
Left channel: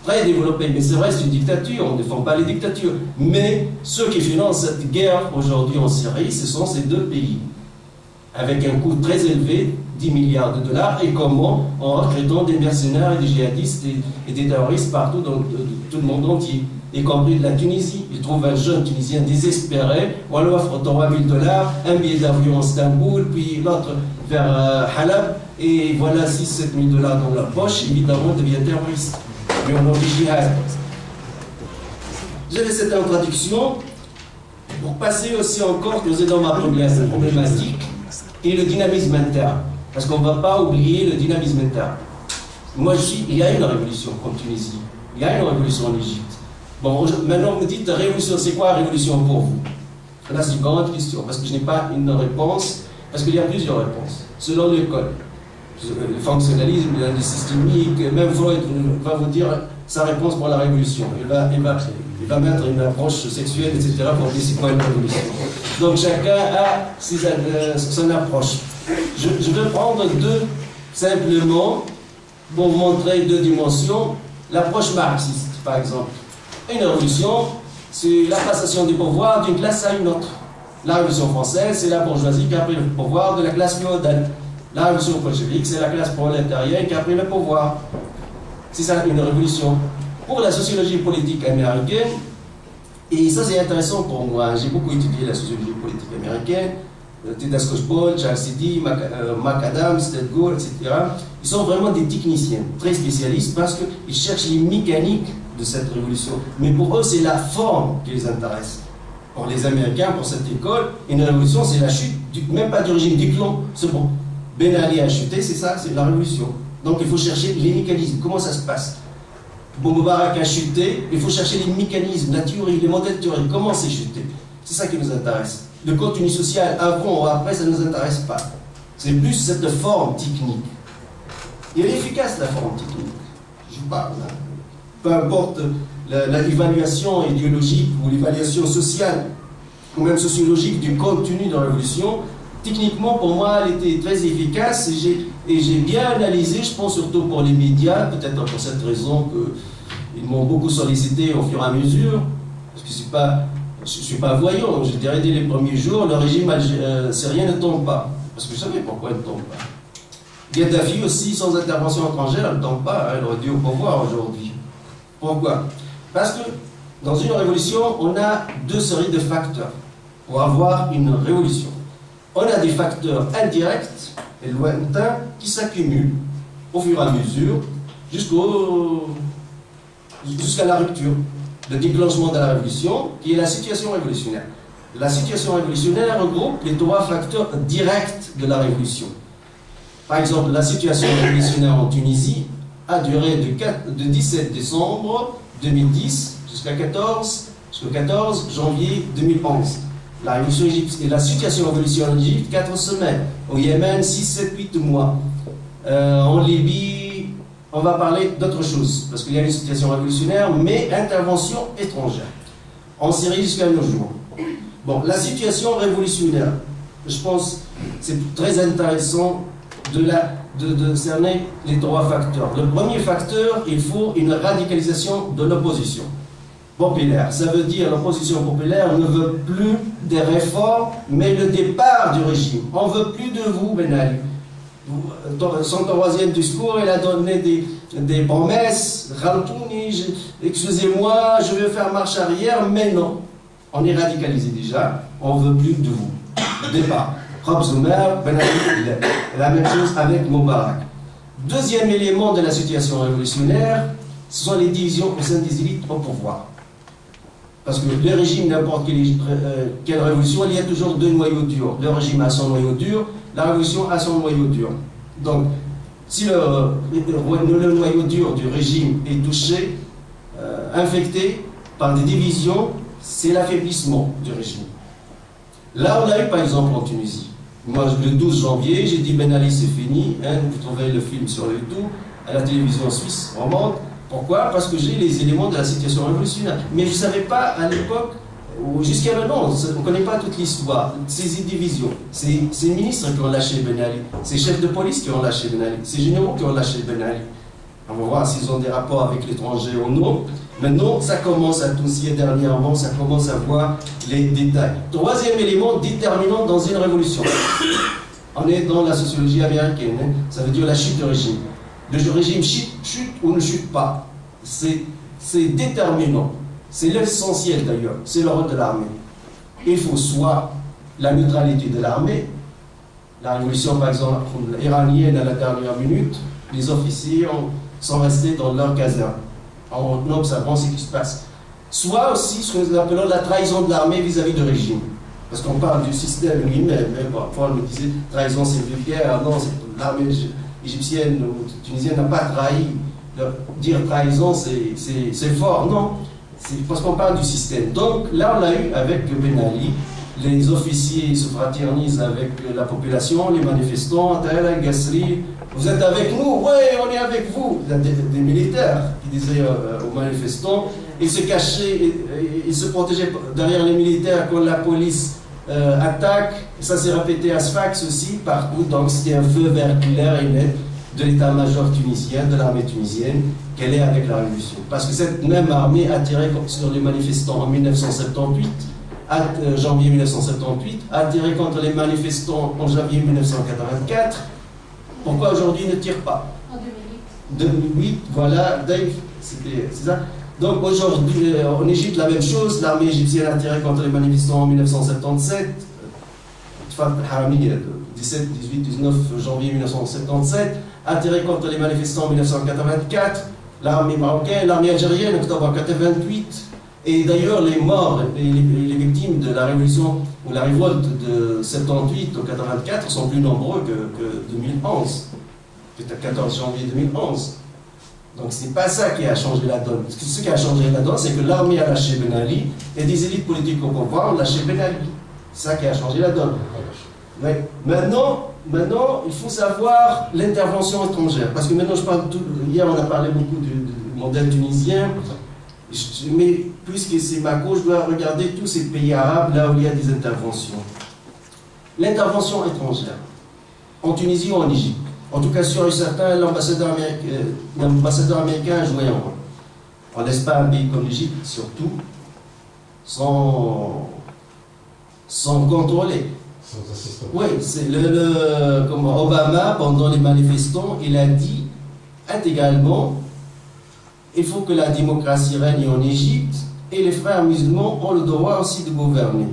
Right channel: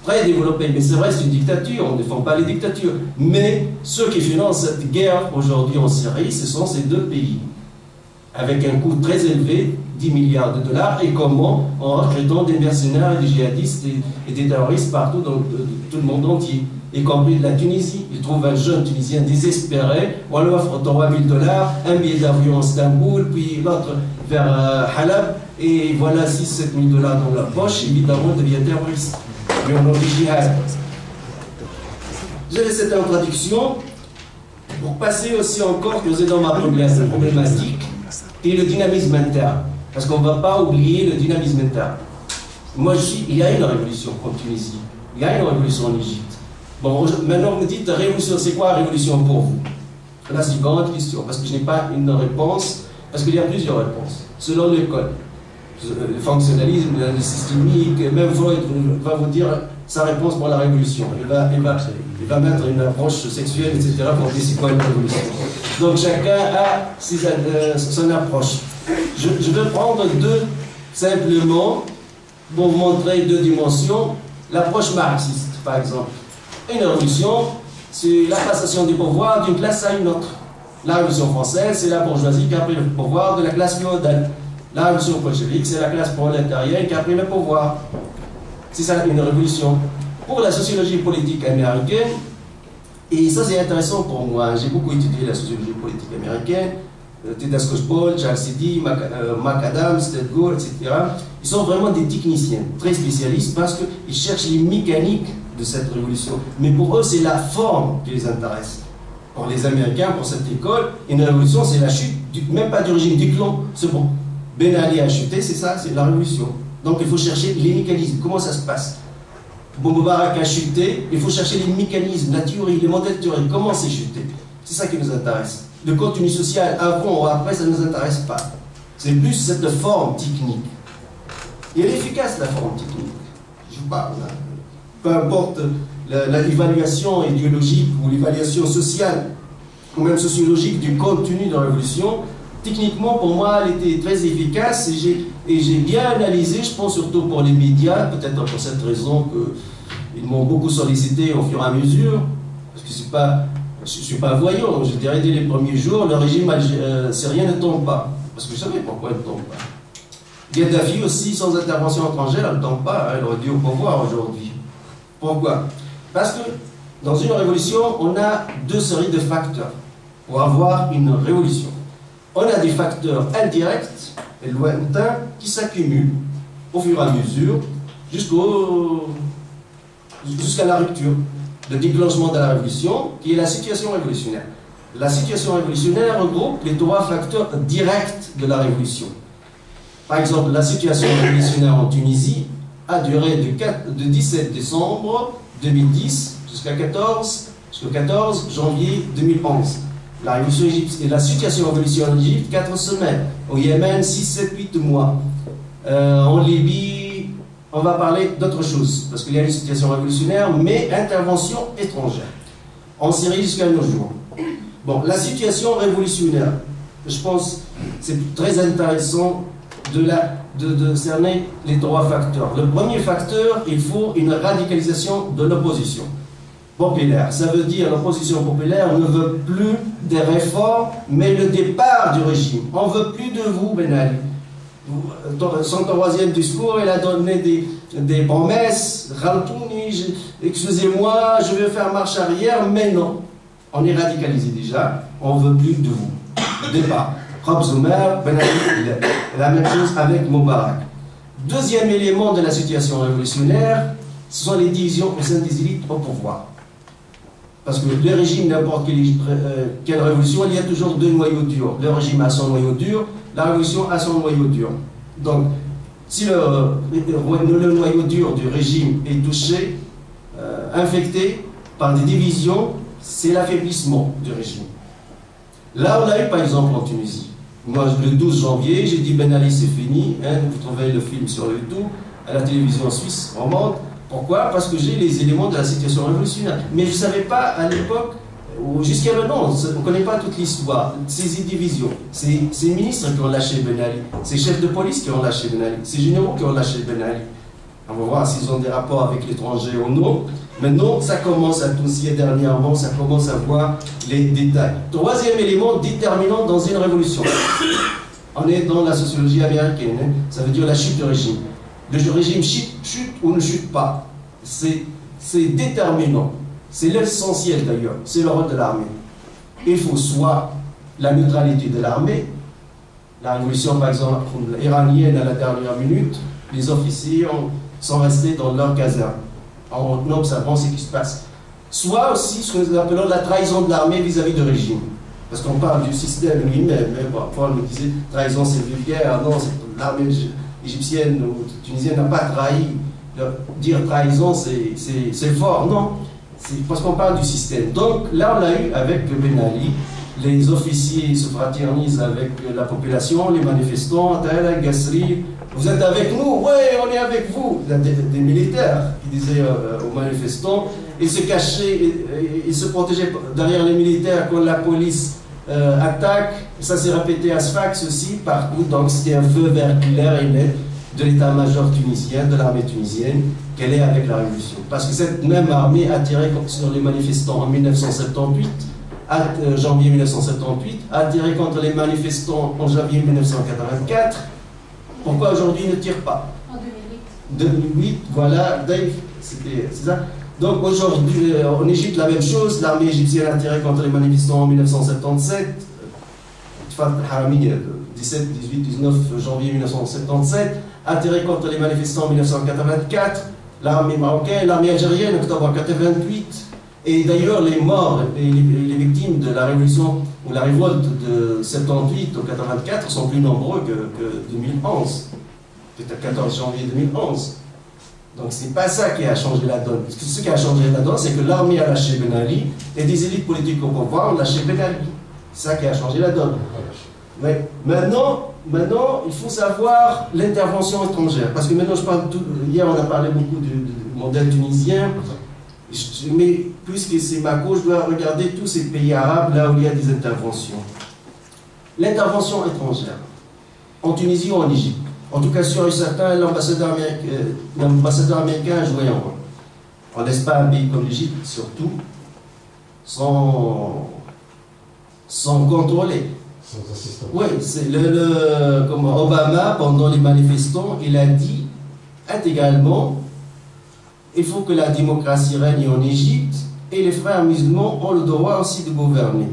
très développée. Mais c'est vrai, c'est une dictature, on ne défend pas les dictatures. Mais ceux qui financent cette guerre aujourd'hui en Syrie, ce sont ces deux pays, avec un coût très élevé, 10 milliards de dollars, et comment? En recrutant des mercenaires et des djihadistes et des terroristes partout dans tout le monde entier, y compris de la Tunisie. Ils trouvent un jeune Tunisien désespéré, on lui offre 3 000 $, un billet d'avion à Istanbul, puis l'autre vers Halab, et voilà 6 000 à 7 000 $ dans la poche, évidemment, devient terroriste. Mais on a dit djihad. J'ai laissé cette introduction pour passer aussi encore, que dans ma problématique, et le dynamisme interne. Parce qu'on ne va pas oublier le dynamisme interne. Moi, je dis, il y a une révolution en Tunisie, il y a une révolution en Égypte. Bon, maintenant, vous me dites, révolution, c'est quoi révolution pour vous? Là, c'est une grande question, parce que je n'ai pas une réponse, parce qu'il y a plusieurs réponses, selon l'école. Le fonctionnalisme, le systémique, même Freud va vous dire sa réponse pour la révolution. Il va mettre une approche sexuelle, etc., pour dire c'est quoi une révolution. Donc chacun a son approche. Je vais prendre deux, simplement, pour vous montrer deux dimensions. L'approche marxiste, par exemple. Une révolution, c'est la passation du pouvoir d'une classe à une autre. La révolution française, c'est la bourgeoisie qui a pris le pouvoir de la classe féodale. La révolution bolchevique, c'est la classe prolétarienne qui a pris le pouvoir. C'est ça une révolution. Pour la sociologie politique américaine, et ça c'est intéressant pour moi, j'ai beaucoup étudié la sociologie politique américaine, Tedesco Paul, Charles Siddy, McAdams, Ted Gore, etc. Ils sont vraiment des techniciens, très spécialistes, parce qu'ils cherchent les mécaniques de cette révolution. Mais pour eux, c'est la forme qui les intéresse. Pour les Américains, pour cette école, une révolution, c'est la chute, même pas du régime du clan, c'est bon. Ben Ali a chuté, c'est ça, c'est la révolution. Donc il faut chercher les mécanismes, comment ça se passe. Moubarak a chuté, il faut chercher les mécanismes, la théorie, les modèles théoriques, comment c'est chuté. C'est ça qui nous intéresse. Le contenu social, avant ou après, ça ne nous intéresse pas. C'est plus cette forme technique. Et elle est efficace, la forme technique. Je parle. Peu importe l'évaluation idéologique ou l'évaluation sociale, ou même sociologique du contenu de la révolution, techniquement, pour moi, elle était très efficace et j'ai bien analysé, je pense surtout pour les médias, peut-être pour cette raison qu'ils m'ont beaucoup sollicité au fur et à mesure, parce que je ne suis pas voyant, je dirais dès les premiers jours, le régime syrien ne tombe pas, parce que je savais pourquoi il ne tombe pas. Gaddafi aussi, sans intervention étrangère, elle ne tombe pas, elle aurait dû au pouvoir aujourd'hui. Pourquoi? Parce que dans une révolution, on a deux séries de facteurs pour avoir une révolution. On a des facteurs indirects et lointains qui s'accumulent au fur et à mesure jusqu'à la rupture, le déclenchement de la révolution, qui est la situation révolutionnaire. La situation révolutionnaire regroupe les trois facteurs directs de la révolution. Par exemple, la situation révolutionnaire en Tunisie a duré de 17 décembre 2010 jusqu'au 14 janvier 2011. La révolution égyptienne et la situation révolutionnaire en Égypte, 4 semaines. Au Yémen, 6, 7, 8 mois. En Libye, on va parler d'autre chose, parce qu'il y a une situation révolutionnaire, mais intervention étrangère. En Syrie jusqu'à nos jours. Bon, la situation révolutionnaire, je pense c'est très intéressant de cerner les trois facteurs. Le premier facteur, il faut une radicalisation de l'opposition populaire. Ça veut dire l'opposition populaire ne veut plus des réformes, mais le départ du régime. On ne veut plus de vous, Ben Ali. Son troisième discours, il a donné des promesses. Excusez-moi, je vais faire marche arrière, mais non. On est radicalisé déjà, on ne veut plus de vous. Départ. Rob Zoumer, Ben Ali, la même chose avec Moubarak. Deuxième élément de la situation révolutionnaire, ce sont les divisions au sein des élites au pouvoir. Parce que le régime, n'importe quelle révolution, il y a toujours deux noyaux durs. Le régime a son noyau dur, la révolution a son noyau dur. Donc, si le noyau dur du régime est touché, infecté par des divisions, c'est l'affaiblissement du régime. Là, on l'a eu par exemple en Tunisie. Moi, le 12 janvier, j'ai dit Ben Ali, c'est fini. Hein, vous trouvez le film sur YouTube, à la télévision suisse romande. Pourquoi? Parce que j'ai les éléments de la situation révolutionnaire. Mais je ne savais pas à l'époque, ou jusqu'à maintenant, on ne connaît pas toute l'histoire, ces divisions. Ces ministres qui ont lâché Ben Ali, ces chefs de police qui ont lâché Ben Ali, ces généraux qui ont lâché Ben Ali. On va voir s'ils ont des rapports avec l'étranger ou non. Maintenant, ça commence à toucher dernièrement, ça commence à voir les détails. Troisième élément déterminant dans une révolution. On est dans la sociologie américaine, hein, ça veut dire la chute du régime. Le régime chute ou ne chute pas. C'est déterminant. C'est l'essentiel d'ailleurs. C'est le rôle de l'armée. Il faut soit la neutralité de l'armée. La révolution, par exemple, iranienne à la dernière minute, les officiers sont restés dans leur caserne en observant ce qui se passe. Soit aussi ce que nous appelons la trahison de l'armée vis-à-vis du régime. Parce qu'on parle du système lui-même. Parfois on me disait trahison c'est vulgaire. Non, l'armée égyptienne ou tunisienne n'a pas trahi. Dire trahison c'est fort. Non, c'est parce qu'on parle du système. Donc là on l'a eu avec Ben Ali. Les officiers se fraternisent avec la population, les manifestants, Gassri. Vous êtes avec nous? Oui, on est avec vous. Il y a des militaires qui disaient aux manifestants, ils se cachaient, ils se protégeaient derrière les militaires quand la police attaque. Ça s'est répété à Sfax aussi, partout. Donc c'était un feu vert clair et net de l'état-major tunisien, de l'armée tunisienne, qu'elle est avec la révolution. Parce que cette même armée a tiré sur les manifestants en 1978, janvier 1978, a tiré contre les manifestants en janvier 1984. Pourquoi aujourd'hui ils ne tirent pas? En 2008. 2008, voilà, Dave, c'est ça. Donc aujourd'hui, en Égypte, la même chose. L'armée égyptienne a tiré contre les manifestants en 1977. Harami, 17, 18, 19 janvier 1977, a tiré contre les manifestants en 1984. L'armée marocaine, l'armée algérienne, octobre 1988. Et d'ailleurs, les morts et les victimes de la révolution ou la révolte de 78 au 84 sont plus nombreux que 2011, peut-être 14 janvier 2011. Donc ce n'est pas ça qui a changé la donne. Ce qui a changé la donne, c'est que l'armée a lâché Ben Ali et des élites politiques au pouvoir ont lâché Ben Ali. C'est ça qui a changé la donne. Mais maintenant, il faut savoir l'intervention étrangère. Parce que maintenant, je parle hier, on a parlé beaucoup du modèle tunisien. Mais puisque c'est ma cause, je dois regarder tous ces pays arabes là où il y a des interventions. L'intervention étrangère, en Tunisie ou en Égypte, en tout cas sûr et certain, l'ambassadeur américain a joué un rôle. On ne laisse pas un pays comme l'Égypte, surtout, sans contrôler. Sans assistance. Oui, c'est comme Obama, pendant les manifestants, il a dit intégralement: il faut que la démocratie règne en Égypte et les frères musulmans ont le droit aussi de gouverner.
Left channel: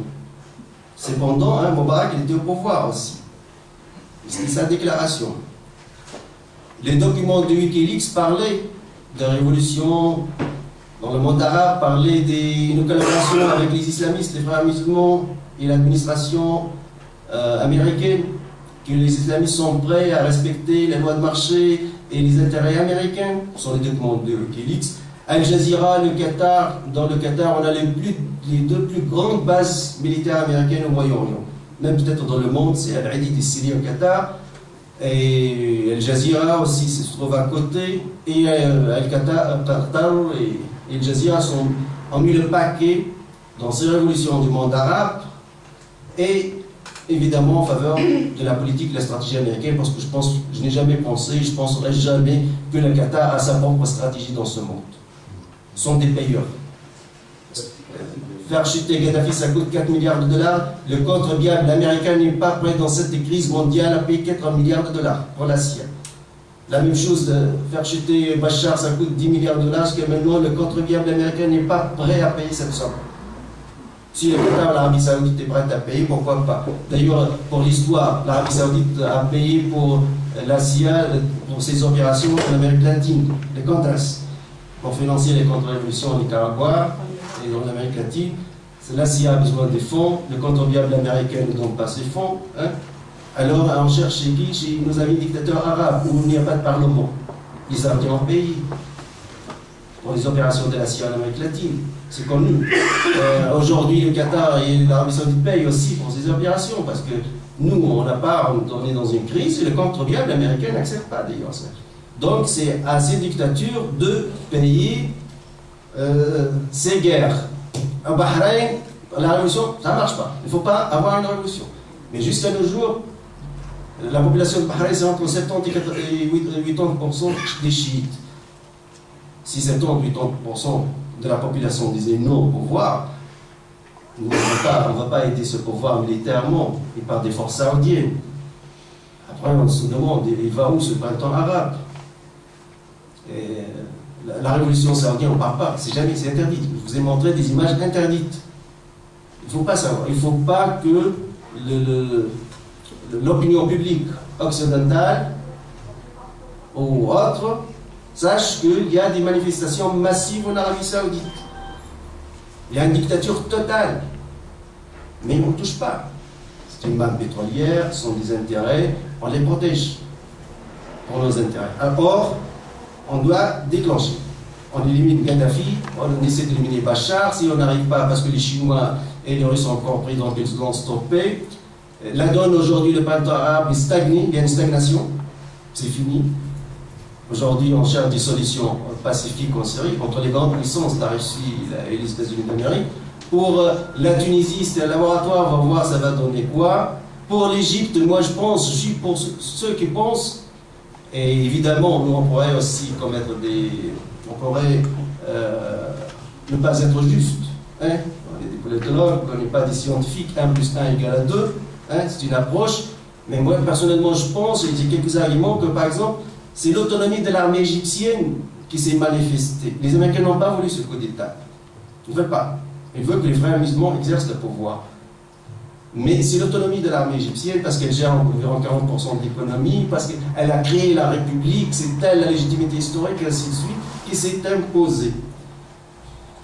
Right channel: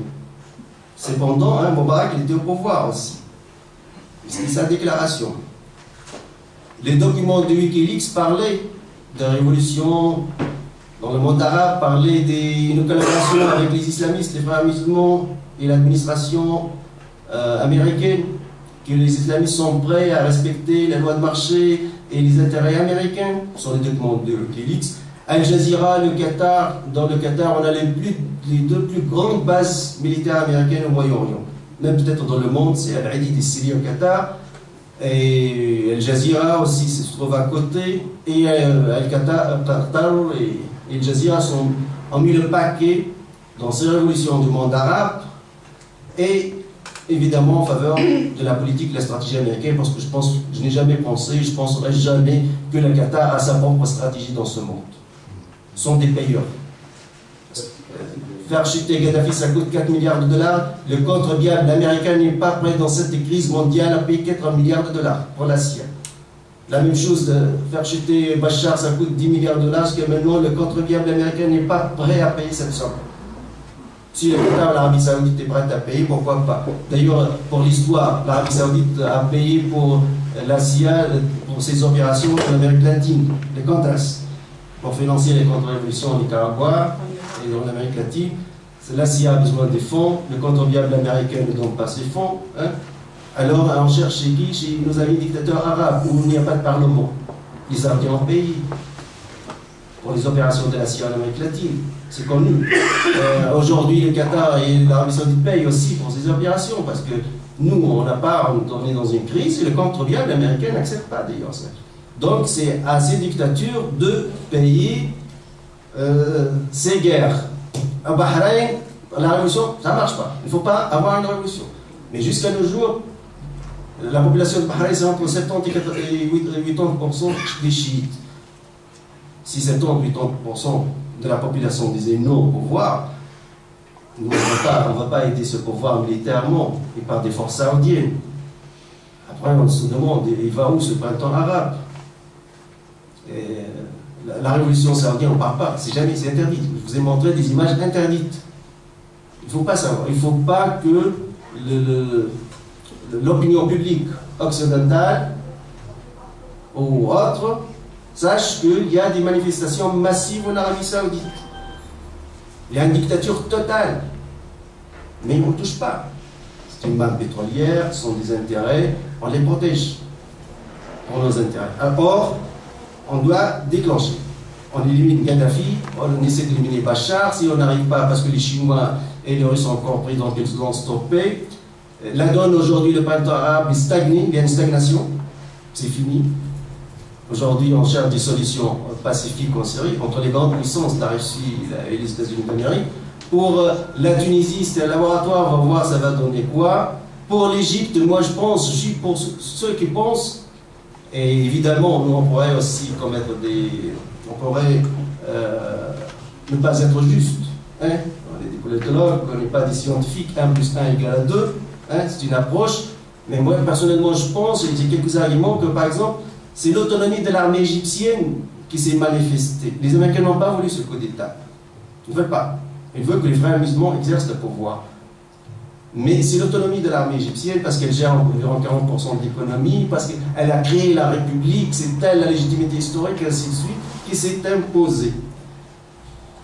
Cependant, Moubarak il était au pouvoir aussi. C'est sa déclaration. Les documents de Wikileaks parlaient de révolution dans le monde arabe, parlaient d'une collaboration avec les islamistes, les frères musulmans et l'administration américaine, que les islamistes sont prêts à respecter les lois de marché et les intérêts américains. Ce sont les documents de Wikileaks. Al Jazeera, le Qatar, dans le Qatar, on a les deux plus grandes bases militaires américaines au Moyen-Orient. Même peut-être dans le monde, c'est Al-Hadid et Syrie au Qatar. Et Al Jazeera aussi se trouve à côté. Et Al-Qatar et Al Jazeera ont mis le paquet dans ces révolutions du monde arabe. Et évidemment en faveur de la politique, de la stratégie américaine, parce que je n'ai jamais pensé, je ne penserai jamais que le Qatar a sa propre stratégie dans ce monde. Ce sont des payeurs. Faire chuter Gaddafi, ça coûte 4 milliards de dollars. Le contribuable américain n'est pas prêt dans cette crise mondiale à payer 4 milliards de dollars pour la Syrie. La même chose, de faire chuter Bachar, ça coûte 10 milliards de dollars, parce que maintenant le contribuable américain n'est pas prêt à payer cette somme. Si le Qatar, l'Arabie Saoudite est prête à payer, pourquoi pas? D'ailleurs, pour l'histoire, l'Arabie Saoudite a payé pour la CIA, pour ses opérations en Amérique latine, les Contras, pour financer les contre-révolutions au Nicaragua et dans l'Amérique latine. La CIA a besoin des fonds, le contribuable américain ne donne pas ses fonds. Hein. Alors on cherche chez qui? Chez nos amis dictateurs arabes, où il n'y a pas de parlement. Ils sortent en pays pour les opérations de la CIA en Amérique latine. C'est connu. Aujourd'hui, le Qatar et l'Arabie Saoudite payent aussi pour ces opérations, parce que nous, on est dans une crise et le contribuable américain n'accepte pas d'ailleurs ça. Donc c'est à ces dictatures de payer ces guerres. Au Bahreïn, la révolution, ça ne marche pas. Il ne faut pas avoir une révolution. Mais jusqu'à nos jours, la population de Bahreïn, c'est entre 70 et 80% des chiites. Si 70-80% de la population disait non au pouvoir, on ne va pas aider ce pouvoir militairement et par des forces saoudiennes. Après, on se demande, il va où ce printemps arabe? Et la révolution saoudienne, on ne parle pas, c'est interdit. Je vous ai montré des images interdites. Il ne faut pas savoir, il ne faut pas que l'opinion publique occidentale ou autre sache qu'il y a des manifestations massives en Arabie Saoudite. Il y a une dictature totale. Mais on ne touche pas. C'est une manne pétrolière, ce sont des intérêts, on les protège pour nos intérêts. Or, on doit déclencher. On élimine Gaddafi, on essaie d'éliminer Bachar. Si on n'arrive pas, parce que les Chinois et les Russes ont compris, donc ils vont stopper. La donne aujourd'hui, le printemps arabe est stagné, il y a une stagnation, c'est fini. Aujourd'hui, on cherche des solutions pacifiques en Syrie, entre les grandes puissances, la Russie et les États-Unis d'Amérique. Pour la Tunisie, c'est un laboratoire, on va voir ça va donner quoi. Pour l'Égypte, moi je pense, je suis pour ceux qui pensent, et évidemment, nous on pourrait aussi commettre on pourrait ne pas être juste. Hein? On est des politologues, on n'est pas des scientifiques, 1 plus 1 égale 2, hein? C'est une approche. Mais moi personnellement je pense, et j'ai quelques arguments, que par exemple, c'est l'autonomie de l'armée égyptienne qui s'est manifestée. Les Américains n'ont pas voulu ce coup d'État. Ils ne veulent pas. Ils veulent que les frères musulmans exercent le pouvoir. Mais c'est l'autonomie de l'armée égyptienne, parce qu'elle gère environ 40% de l'économie, parce qu'elle a créé la République, c'est elle la légitimité historique, et ainsi de suite, qui s'est imposée.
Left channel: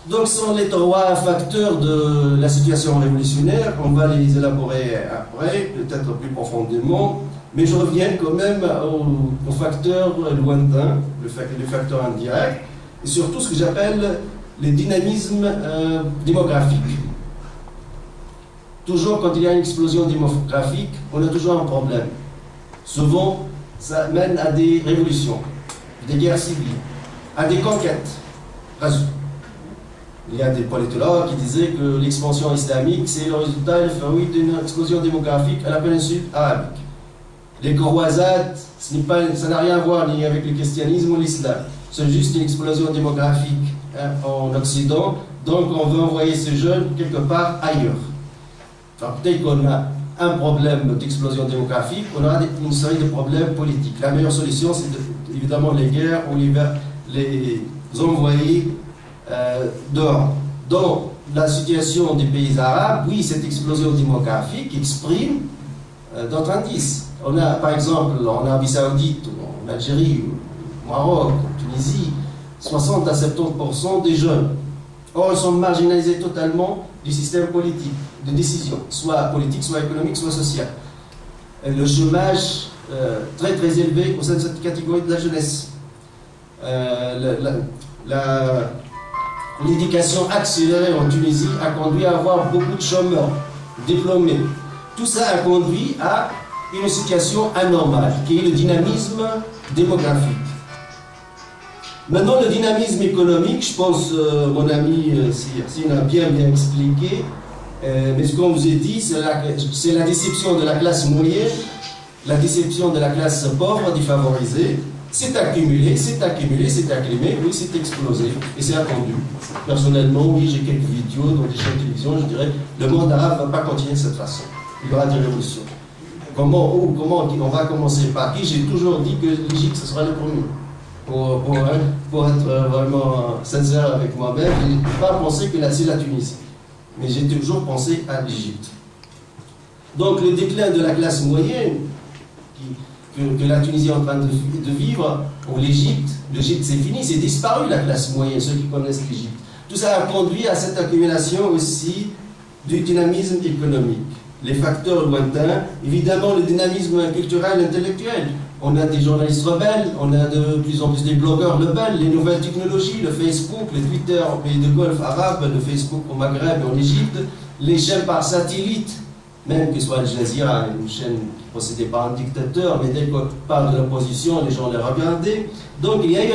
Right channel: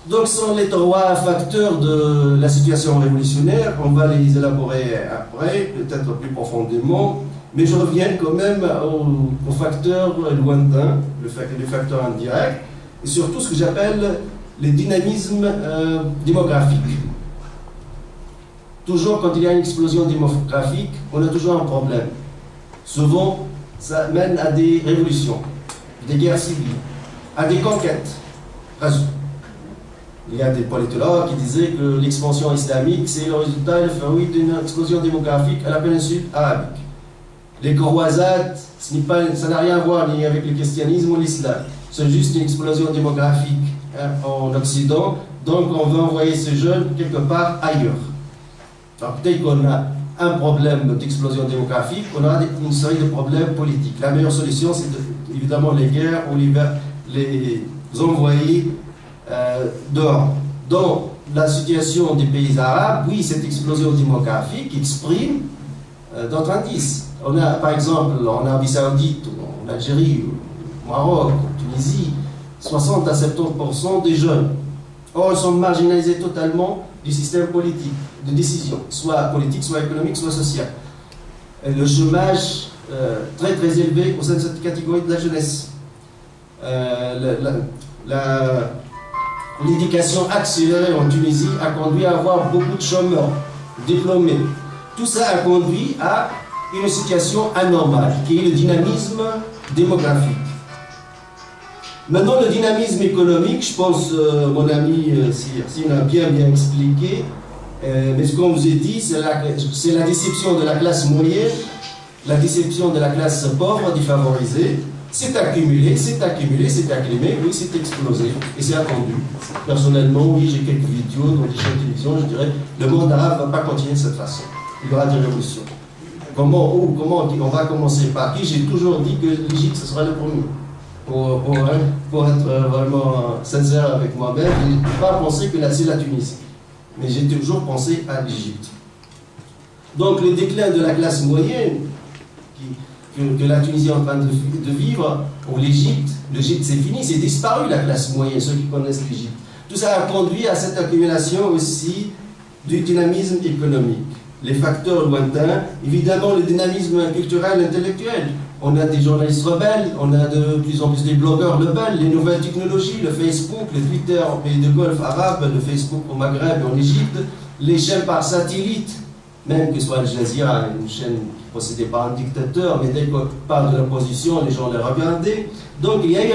Donc ce sont les 3 facteurs de la situation révolutionnaire. On va les élaborer après, peut-être plus profondément. Mais je reviens quand même au facteur lointain, le facteur indirect, et surtout ce que j'appelle les dynamismes démographiques. Toujours quand il y a une explosion démographique, on a toujours un problème. Souvent, ça mène à des révolutions, des guerres civiles, à des conquêtes. Il y a des politologues qui disaient que l'expansion islamique, c'est le résultat, le fruit d'une explosion démographique à la péninsule arabique. Les croisades, ça n'a rien à voir ni avec le christianisme ou l'islam. C'est juste une explosion démographique en Occident. Donc on veut envoyer ces jeunes quelque part ailleurs. Alors peut-être qu'on a un problème d'explosion démographique, on aura une série de problèmes politiques. La meilleure solution, c'est évidemment les guerres ou les envoyer dehors. Dans la situation des pays arabes, oui, cette explosion démographique exprime d'autres indices. On a, par exemple, en Arabie Saoudite, en Algérie, au Maroc, en Tunisie, 60 à 70% des jeunes. Or, ils sont marginalisés totalement du système politique, de décision, soit politique, soit économique, soit social. Le chômage très très élevé au sein de cette catégorie de la jeunesse. L'éducation accélérée en Tunisie a conduit à avoir beaucoup de chômeurs diplômés. Tout ça a conduit à une situation anormale, qui est le dynamisme démographique. Maintenant, le dynamisme économique, je pense, mon ami Sirsine a bien expliqué, mais ce qu'on vous a dit, c'est la déception de la classe moyenne, la déception de la classe pauvre, défavorisée. C'est accumulé, c'est accumulé, c'est acclimé, oui, c'est explosé, et c'est attendu. Personnellement, oui, j'ai quelques vidéos dans des chaînes de télévision, je dirais, le monde arabe ne va pas continuer de cette façon. Il y aura des révolutions. Comment on va commencer par qui? J'ai toujours dit que l'Égypte, ce sera le premier. Pour être vraiment sincère avec moi-même, je n'ai pas pensé que c'est la Tunisie. Mais j'ai toujours pensé à l'Égypte. Donc le déclin de la classe moyenne, que la Tunisie est en train de vivre, ou l'Égypte. L'Égypte, c'est fini, c'est disparu la classe moyenne, ceux qui connaissent l'Égypte. Tout ça a conduit à cette accumulation aussi du dynamisme économique. Les facteurs lointains, évidemment le dynamisme culturel et intellectuel. On a des journalistes rebelles, on a de plus en plus des blogueurs rebelles, les nouvelles technologies, le Facebook, le Twitter au pays de Golfe arabe, le Facebook au Maghreb et en Égypte, les chaînes par satellite, même que ce soit Al Jazeera, une chaîne possédée par un dictateur, mais dès qu'on parle de l'opposition, les gens les regardaient. Donc il y a eu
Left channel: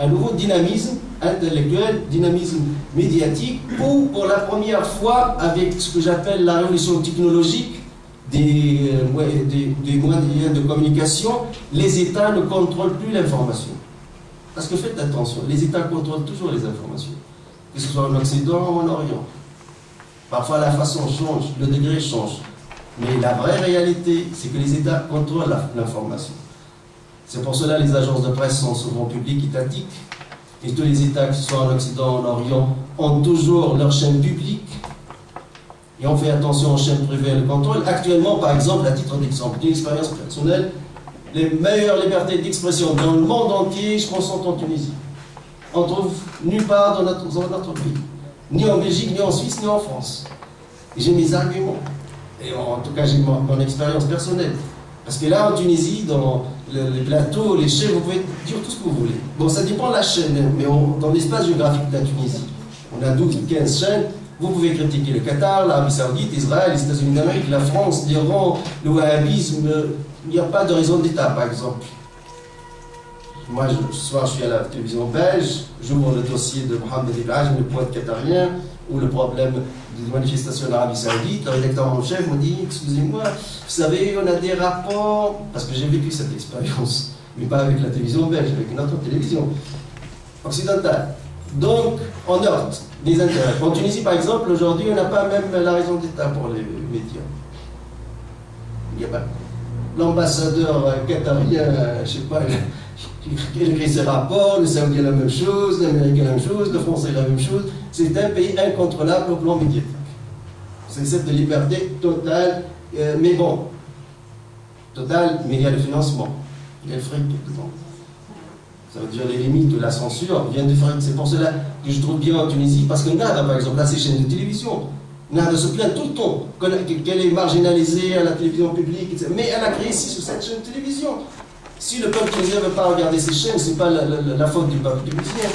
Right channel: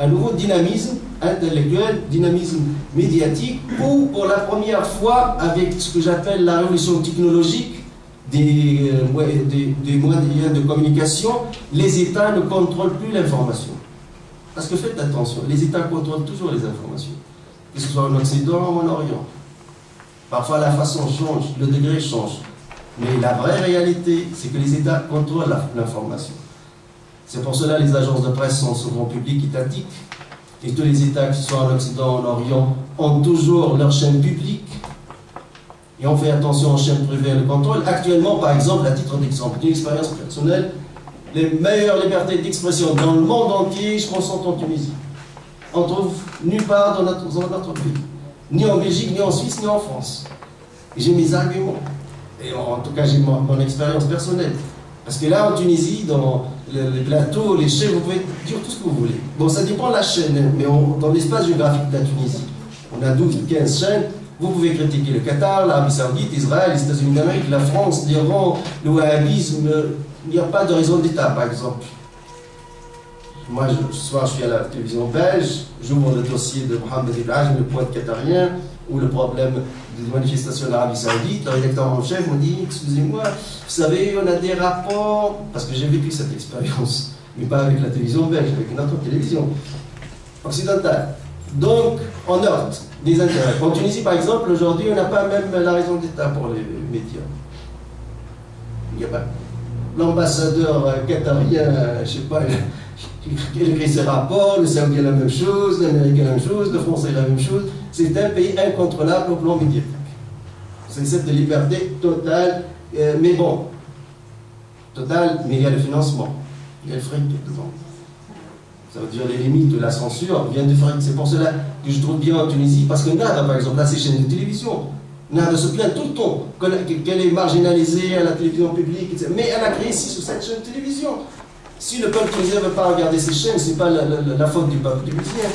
un nouveau dynamisme intellectuel, dynamisme médiatique, où pour la première fois, avec ce que j'appelle la révolution technologique, des moyens de communication, les États ne contrôlent plus l'information. Parce que faites attention, les États contrôlent toujours les informations, que ce soit en Occident ou en Orient. Parfois la façon change, le degré change. Mais la vraie réalité, c'est que les États contrôlent l'information. C'est pour cela que les agences de presse sont souvent publiques, étatiques. Et tous les États, que ce soit en Occident ou en Orient, ont toujours leur chaîne publique. Et on fait attention aux chaînes privées et le contrôle. Actuellement, par exemple, à titre d'exemple, d'une expérience personnelle, les meilleures libertés d'expression dans le monde entier, je pense, sont en Tunisie. On trouve nulle part dans notre pays. Ni en Belgique, ni en Suisse, ni en France. Et j'ai mes arguments. Et en tout cas, j'ai mon expérience personnelle. Parce que là, en Tunisie, dans les plateaux, les chaînes, vous pouvez dire tout ce que vous voulez. Bon, ça dépend de la chaîne, mais dans l'espace géographique de la Tunisie, on a 12 ou 15 chaînes. Vous pouvez critiquer le Qatar, l'Arabie Saoudite, Israël, les États-Unis d'Amérique, la France, l'Iran, le wahhabisme. Il n'y a pas de raison d'État, par exemple. Moi, ce soir, je suis à la télévision belge, j'ouvre le dossier de Mohamed Ibrahim, le poète qatarien, ou le problème des manifestations en Arabie Saoudite. Le rédacteur en chef me dit, excusez-moi, vous savez, on a des rapports, parce que j'ai vécu cette expérience, mais pas avec la télévision belge, avec une autre télévision occidentale. Donc, on heurte les intérêts. En Tunisie, par exemple, aujourd'hui, on n'a pas même la raison d'État pour les médias. Il n'y a pas. L'ambassadeur qatarien, je ne sais pas, il écrit ses rapports, le Saoudien la même chose, l'Américain la même chose, le Français la même chose. C'est un pays incontrôlable au plan médiatique. C'est cette liberté totale, mais bon, totale, mais il y a le financement, il y a le fric dedans. Ça veut dire les limites de la censure viennent du fric. C'est pour cela que je trouve bien en Tunisie, parce que Nada, par exemple, a ses chaînes de télévision. Nada se plaint tout le temps qu'elle est marginalisée à la télévision publique, etc. Mais elle a créé 6 ou 7 chaînes de télévision. Si le peuple tunisien ne veut pas regarder ces chaînes, ce n'est pas la faute du peuple tunisien.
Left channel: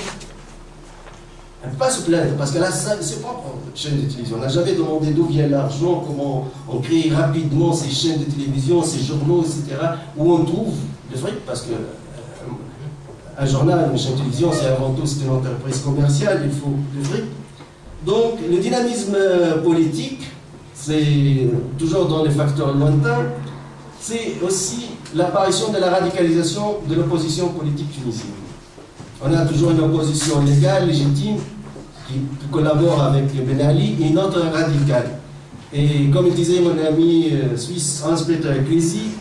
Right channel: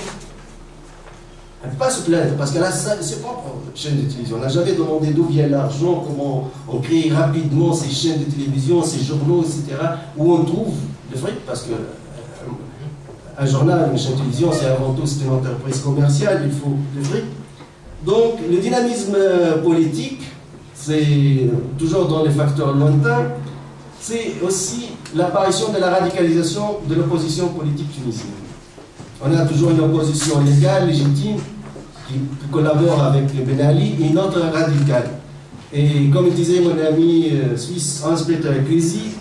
Elle ne peut pas se plaindre, parce qu'elle a ses propres chaînes de télévision. On n'a jamais demandé d'où vient l'argent, comment on crée rapidement ces chaînes de télévision, ces journaux, etc. Où on trouve le fric, parce que un journal, une chaîne de télévision, c'est avant tout une entreprise commerciale, il faut le fric. Donc le dynamisme politique, c'est toujours dans les facteurs lointains, c'est aussi l'apparition de la radicalisation de l'opposition politique tunisienne. On a toujours une opposition légale, légitime, qui collabore avec le Ben Ali, et une autre radicale. Et comme disait mon ami suisse Hans-Peter Ecclesi,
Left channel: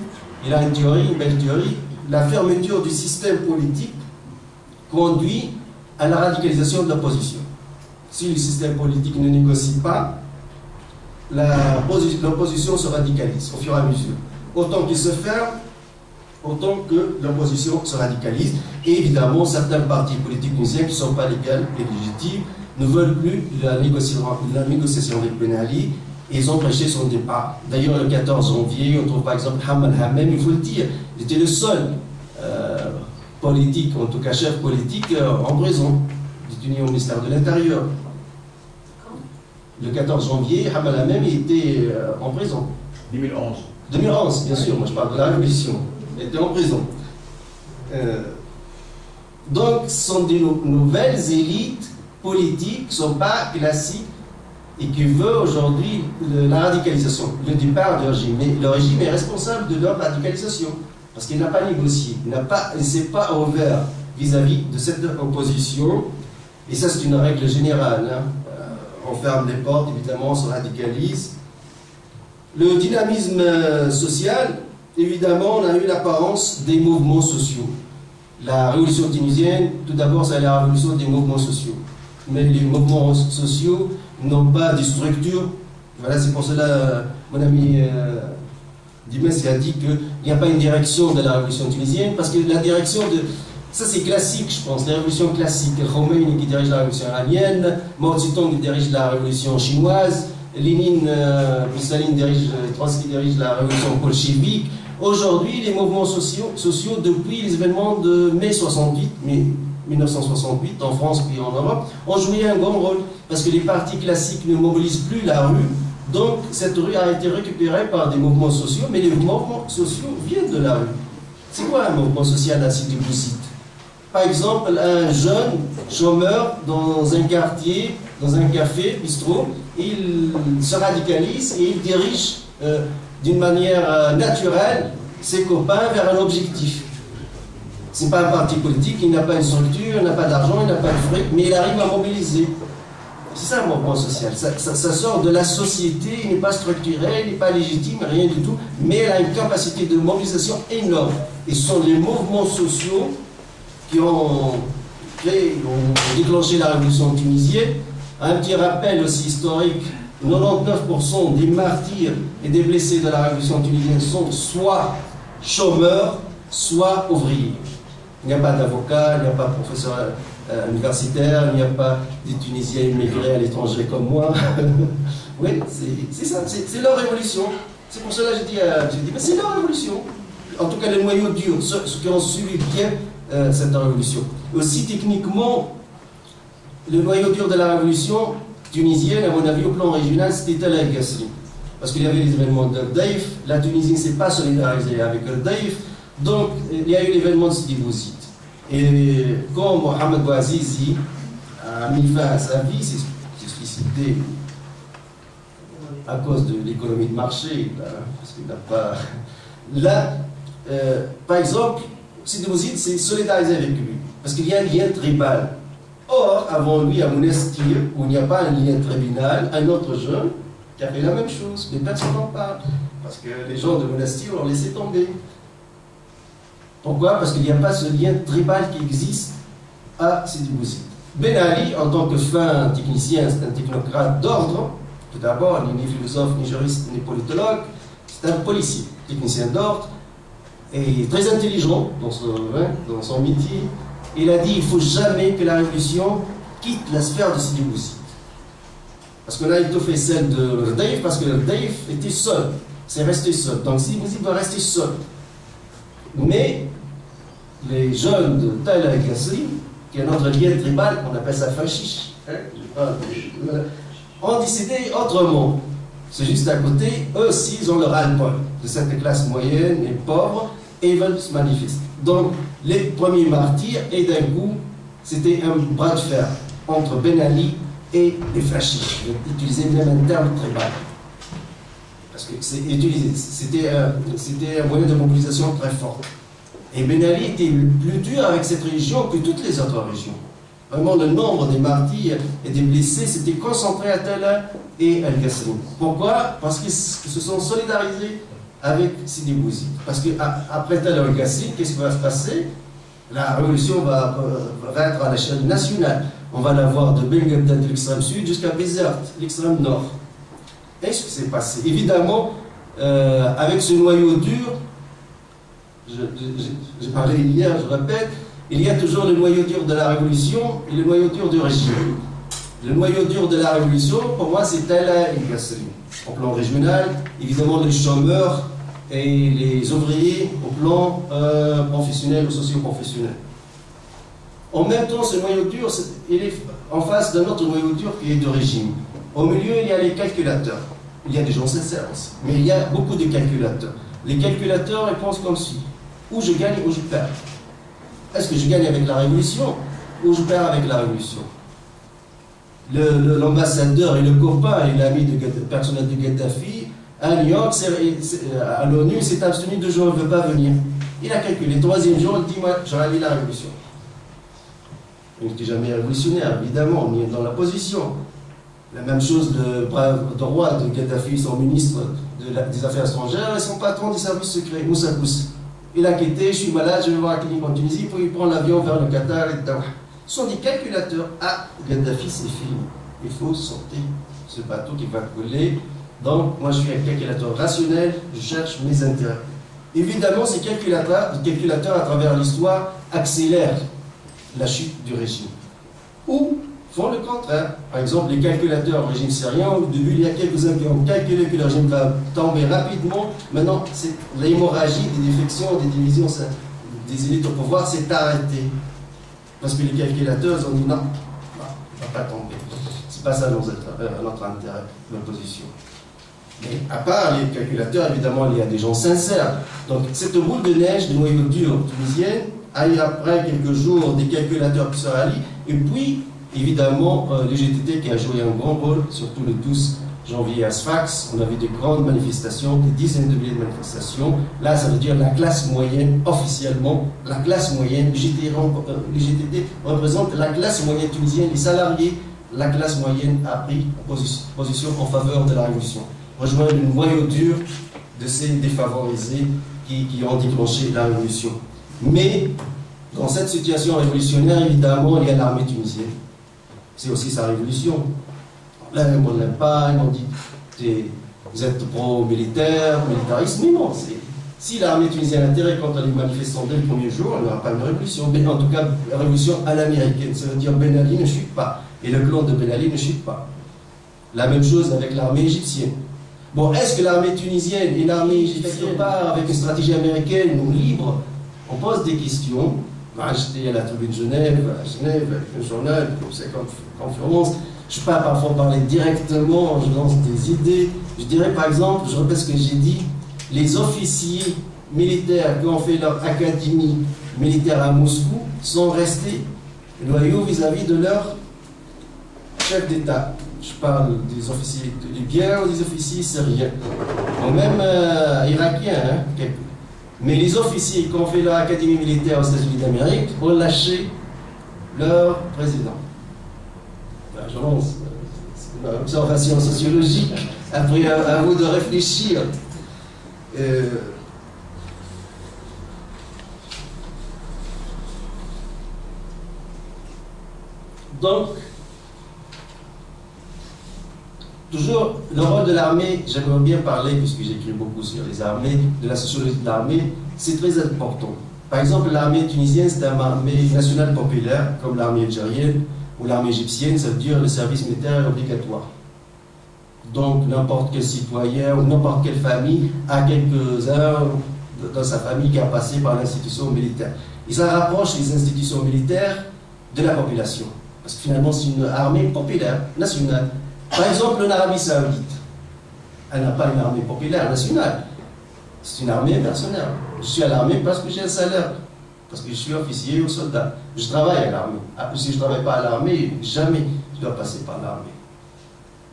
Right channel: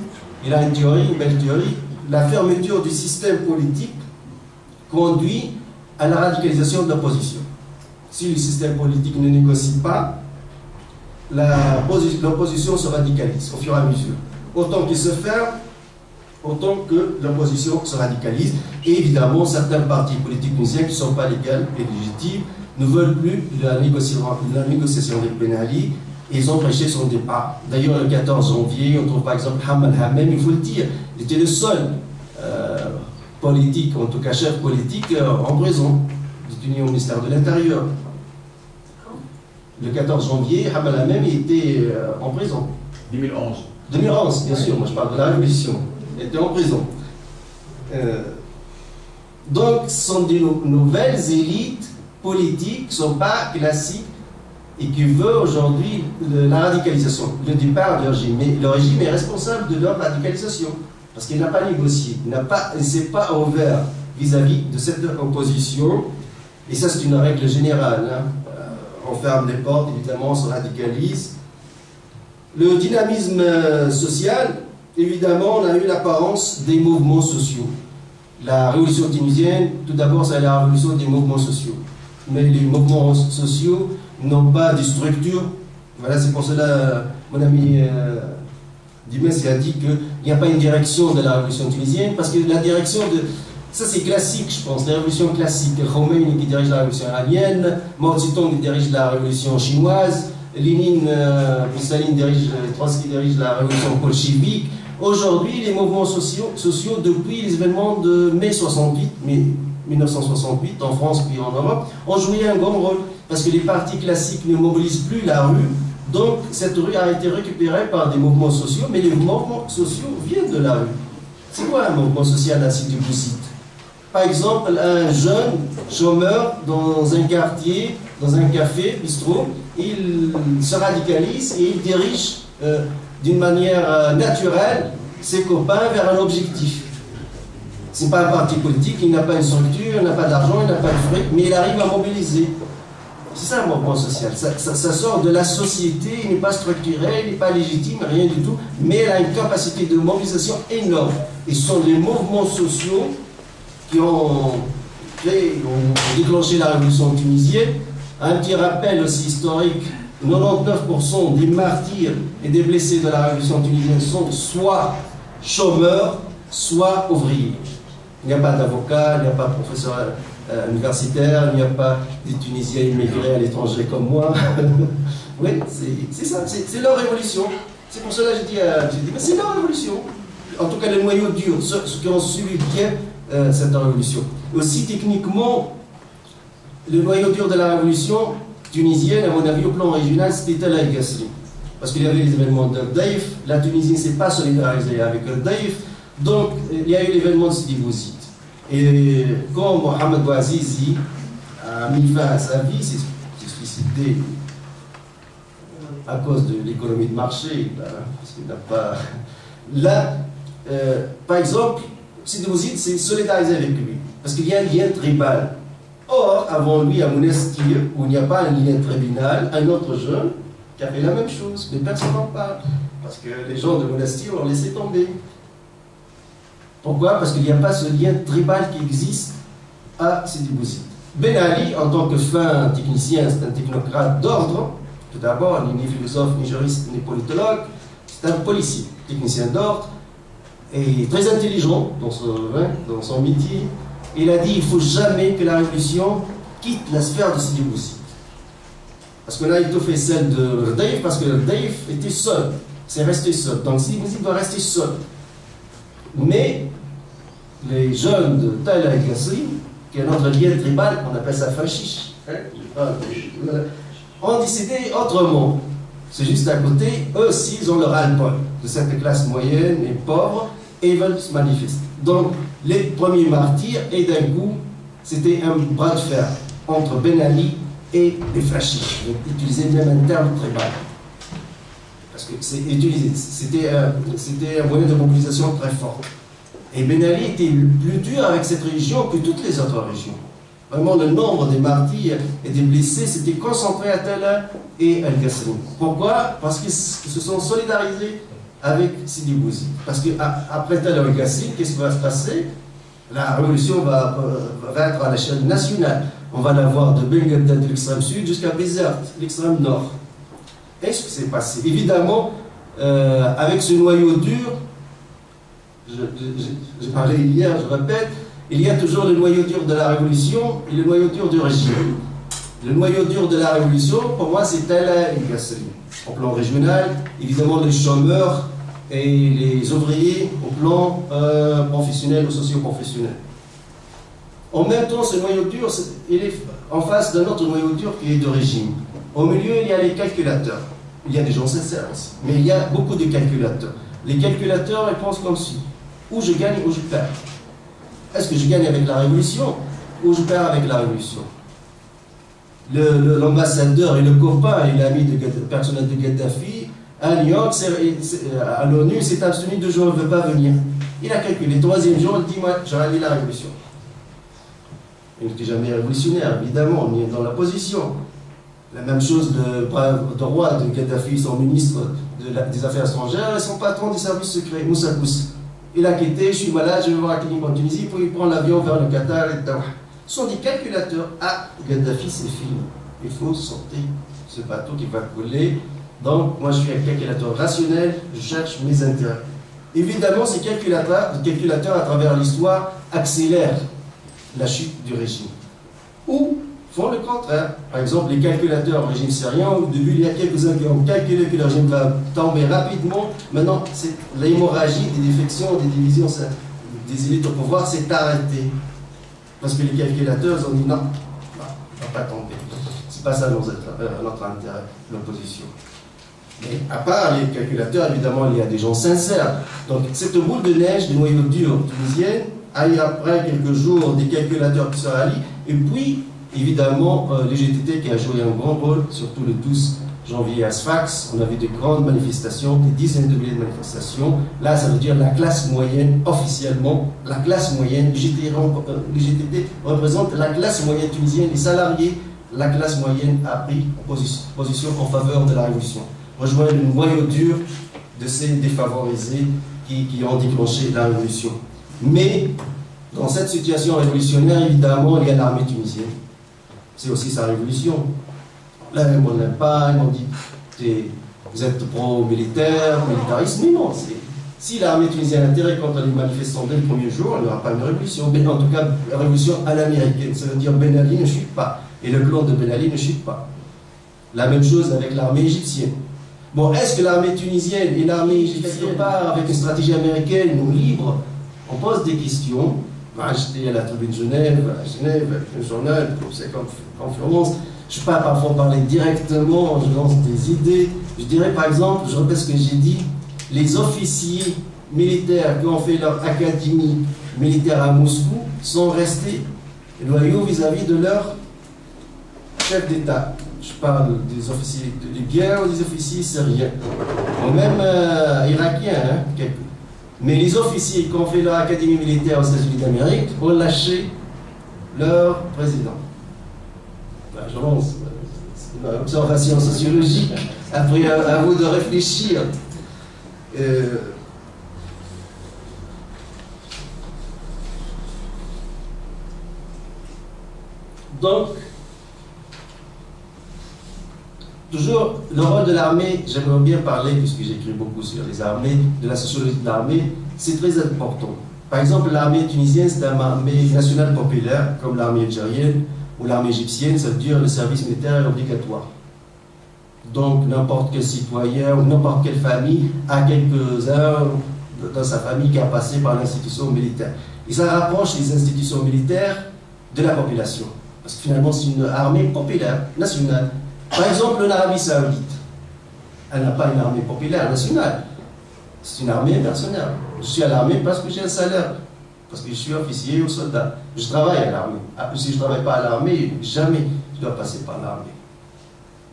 il a une théorie, une belle théorie, la fermeture du système politique conduit à la radicalisation de l'opposition. Si le système politique ne négocie pas, l'opposition se radicalise au fur et à mesure. Autant qu'il se ferme, autant que l'opposition se radicalise. Et évidemment, certains partis politiques tunisiens qui ne sont pas légaux et légitimes ne veulent plus la négociation avec Ben Ali et ils ont prêché son départ. D'ailleurs, le 14 janvier, on trouve par exemple Hamal Hamem, il faut le dire, il était le seul politique, en tout cas chef politique, en prison, détenu au ministère de l'Intérieur. Le 14 janvier, Hamal Hamem était en prison. 2011. 2011, bien sûr, moi je parle de la Révolution. Il était en prison. Donc, ce sont des nouvelles élites politiques qui ne sont pas classiques et qui veulent aujourd'hui la radicalisation, le départ du régime. Mais le régime est responsable de leur radicalisation parce qu'il n'a pas négocié, il ne s'est pas ouvert vis-à-vis de cette opposition. Et ça, c'est une règle générale. Hein. On ferme les portes, évidemment, on se radicalise. Le dynamisme social, évidemment, on a eu l'apparence des mouvements sociaux. La révolution tunisienne, tout d'abord, c'est la révolution des mouvements sociaux. Mais les mouvements sociaux n'ont pas de structure. Voilà, c'est pour cela, mon ami Dimès a dit qu'il n'y a pas une direction de la révolution tunisienne, parce que la direction de... Ça c'est classique, je pense, la révolution classique. Khomeini qui dirige la révolution iranienne, Mao Zedong qui dirige la révolution chinoise, Lénine, Staline dirige, Trotsky dirige la révolution bolchevique. Aujourd'hui, les mouvements sociaux, depuis les événements de mai 1968, en France puis en Europe, ont joué un grand rôle, parce que les partis classiques ne mobilisent plus la rue. Donc, cette rue a été récupérée par des mouvements sociaux, mais les mouvements sociaux viennent de la rue. C'est quoi un mouvement social à Sidi Bouzid? Par exemple, un jeune chômeur dans un quartier, dans un café, bistrot, il se radicalise et il dirige d'une manière naturelle ses copains vers un objectif. Ce n'est pas un parti politique, il n'a pas une structure, il n'a pas d'argent, il n'a pas de fric, mais il arrive à mobiliser. C'est ça un mouvement social. Ça sort de la société, il n'est pas structuré, il n'est pas légitime, rien du tout, mais il a une capacité de mobilisation énorme. Et ce sont les mouvements sociaux qui ont déclenché la révolution tunisienne. Un petit rappel aussi historique, 99% des martyrs et des blessés de la révolution tunisienne sont soit chômeurs, soit ouvriers. Il n'y a pas d'avocat, il n'y a pas de professeur universitaire, il n'y a pas des Tunisiens immigrés à l'étranger comme moi. Oui, c'est ça, c'est leur révolution. C'est pour cela que j'ai dit, mais c'est leur révolution. En tout cas, les noyaux durs, ceux qui ont suivi bien cette révolution. Aussi, techniquement, le noyau dur de la révolution tunisienne, à mon avis, au plan régional, c'était El Ghasri. Parce qu'il y avait les événements de Daïf, la Tunisie ne s'est pas solidarisée avec Daïf, donc il y a eu l'événement de Sidi Bouzid. Et quand Mohamed Bouazizi a mis fin à sa vie, c'est suicidé à cause de l'économie de marché, là, parce qu'il n'a pas... Là, par exemple, Sidi Bouzid s'est solidarisé avec lui, parce qu'il y a un lien tribal. Or, avant lui, à Monastir, où il n'y a pas un lien tribal, un autre jeune qui a fait la même chose, mais personne n'en parle, parce que les gens de Monastir l'ont laissé tomber. Pourquoi? Parce qu'il n'y a pas ce lien tribal qui existe à Sidi Bouzid. Ben Ali, en tant que fin technicien, c'est un technocrate d'ordre. Tout d'abord, il n'est ni philosophe, ni juriste, ni politologue. C'est un policier, technicien d'ordre, et très intelligent dans son métier. Il a dit il ne faut jamais que la révolution quitte la sphère de Sidi Bouzid. Parce qu'on a étoffé celle de Daïf, parce que Daïf était seul. C'est resté seul. Donc Sidi Bouzid va rester seul. Mais les jeunes de Tel Ghasri, qui est notre lien tribal, on appelle ça fashish, ont décidé autrement. C'est juste à côté, eux aussi, ils ont le ras-le-bol de cette classe moyenne et pauvre, et ils veulent se manifester. Donc, les premiers martyrs, et d'un coup, c'était un bras de fer entre Ben Ali et les fascistes. Donc, utiliser même un terme tribal. Parce que c'était un moyen de mobilisation très fort. Et Ben Ali était plus dur avec cette région que toutes les autres régions. Vraiment, le nombre des martyrs et des blessés s'était concentré à Tella et El Ghasri. Pourquoi? Parce qu'ils se sont solidarisés avec Sidi Bouzid. Parce qu'après Tella et El Ghasri, qu'est-ce qui va se passer? La révolution va être à l'échelle nationale. On va la voir de Belgrade, de l'extrême sud, jusqu'à Bizerte, l'extrême nord. Et ce qui s'est passé? Évidemment, avec ce noyau dur, j'ai parlé hier, je répète, il y a toujours le noyau dur de la révolution et le noyau dur du régime. Le noyau dur de la révolution, pour moi, c'est Tella et Ghasri. Au plan régional, évidemment, les chômeurs et les ouvriers au plan professionnel ou socio-professionnel. En même temps, ce noyau dur, il est en face d'un autre noyau dur qui est de régime. Au milieu, il y a les calculateurs. Il y a des gens sincères aussi, mais il y a beaucoup de calculateurs. Les calculateurs, ils pensent comme si, ou je gagne ou je perds. Est-ce que je gagne avec la révolution ou je perds avec la révolution? L'ambassadeur et le copain et l'ami personnel de Gaddafi, à New York, à l'ONU, s'est abstenu 2 jours, il ne veut pas venir. Il a calculé. 3e jour, il dit moi, j'aurais mis la révolution. Il n'était jamais révolutionnaire, évidemment, on est dans la position. La même chose, le roi de Gaddafi, son ministre des Affaires étrangères, et son patron des services secrets, Moussa Kous. Il a quitté, je suis malade, je vais voir la clinique en Tunisie, puis il prend l'avion vers le Qatar et Doha. Ce sont des calculateurs. Ah, Gaddafi, c'est fini. Il faut sortir ce bateau qui va coller. Donc, moi, je suis un calculateur rationnel, je cherche mes intérêts. Évidemment, ces calculateurs, à travers l'histoire, accélèrent la chute du régime. Ou font le contraire. Par exemple, les calculateurs au régime syrien, au début, il y a quelques-uns qui ont calculé que le régime va tomber rapidement. Maintenant, l'hémorragie des défections, des divisions des élites au pouvoir s'est arrêtée. Parce que les calculateurs ont dit non, il ne va pas tomber. C'est pas ça notre intérêt, l'opposition. Mais à part les calculateurs, évidemment, il y a des gens sincères. Donc, cette boule de neige, de noyau dur tunisienne, a eu après quelques jours des calculateurs qui se rallient, et puis, évidemment, les GTT qui a joué un grand rôle, surtout le 12 janvier à Sfax, on a vu des grandes manifestations, des dizaines de milliers de manifestations. Là, ça veut dire la classe moyenne, officiellement, la classe moyenne. Les GTT représentent la classe moyenne tunisienne, les salariés. La classe moyenne a pris position en faveur de la révolution. Rejoindre le noyau dur de ces défavorisés qui ont déclenché la révolution. Mais, dans cette situation révolutionnaire, évidemment, il y a l'armée tunisienne. C'est aussi sa révolution. Là, on n'aime pas, ils m'ont dit, vous êtes pro-militaire, militariste, mais non. Si l'armée tunisienne a intérêt contre les manifestants dès le premier jour, il n'y aura pas une révolution. Mais en tout cas, une révolution à l'américaine. Ça veut dire Ben Ali ne chute pas. Et le clan de Ben Ali ne chute pas. La même chose avec l'armée égyptienne. Bon, est-ce que l'armée tunisienne et l'armée égyptienne partent avec une stratégie américaine ou libre? On pose des questions. J'étais à la tribune de Genève, avec un journal, comme c'est conférence. Je ne peux pas parfois parler directement, je lance des idées. Je dirais par exemple, je répète ce que j'ai dit, les officiers militaires qui ont fait leur académie militaire à Moscou sont restés loyaux vis-à-vis de leur chef d'État. Je parle des officiers libyens ou des officiers syriens, ou même irakiens, quelques. Mais les officiers qui ont fait leur académie militaire aux États-Unis d'Amérique ont lâché leur président. Je lance une observation sociologique. Après, à vous de réfléchir. Donc, toujours, le rôle de l'armée, j'aimerais bien parler, puisque j'écris beaucoup sur les armées, de la sociologie de l'armée, c'est très important. Par exemple, l'armée tunisienne, c'est une armée nationale populaire, comme l'armée algérienne ou l'armée égyptienne, ça veut dire le service militaire est obligatoire. Donc, n'importe quel citoyen ou n'importe quelle famille a quelques-uns dans sa famille qui a passé par l'institution militaire. Et ça rapproche les institutions militaires de la population. Parce que finalement, c'est une armée populaire, nationale. Par exemple, l'Arabie Saoudite, elle n'a pas une armée populaire nationale, c'est une armée mercenaire. Je suis à l'armée parce que j'ai un salaire, parce que je suis officier ou soldat. Je travaille à l'armée. Si je ne travaille pas à l'armée, jamais je dois passer par l'armée.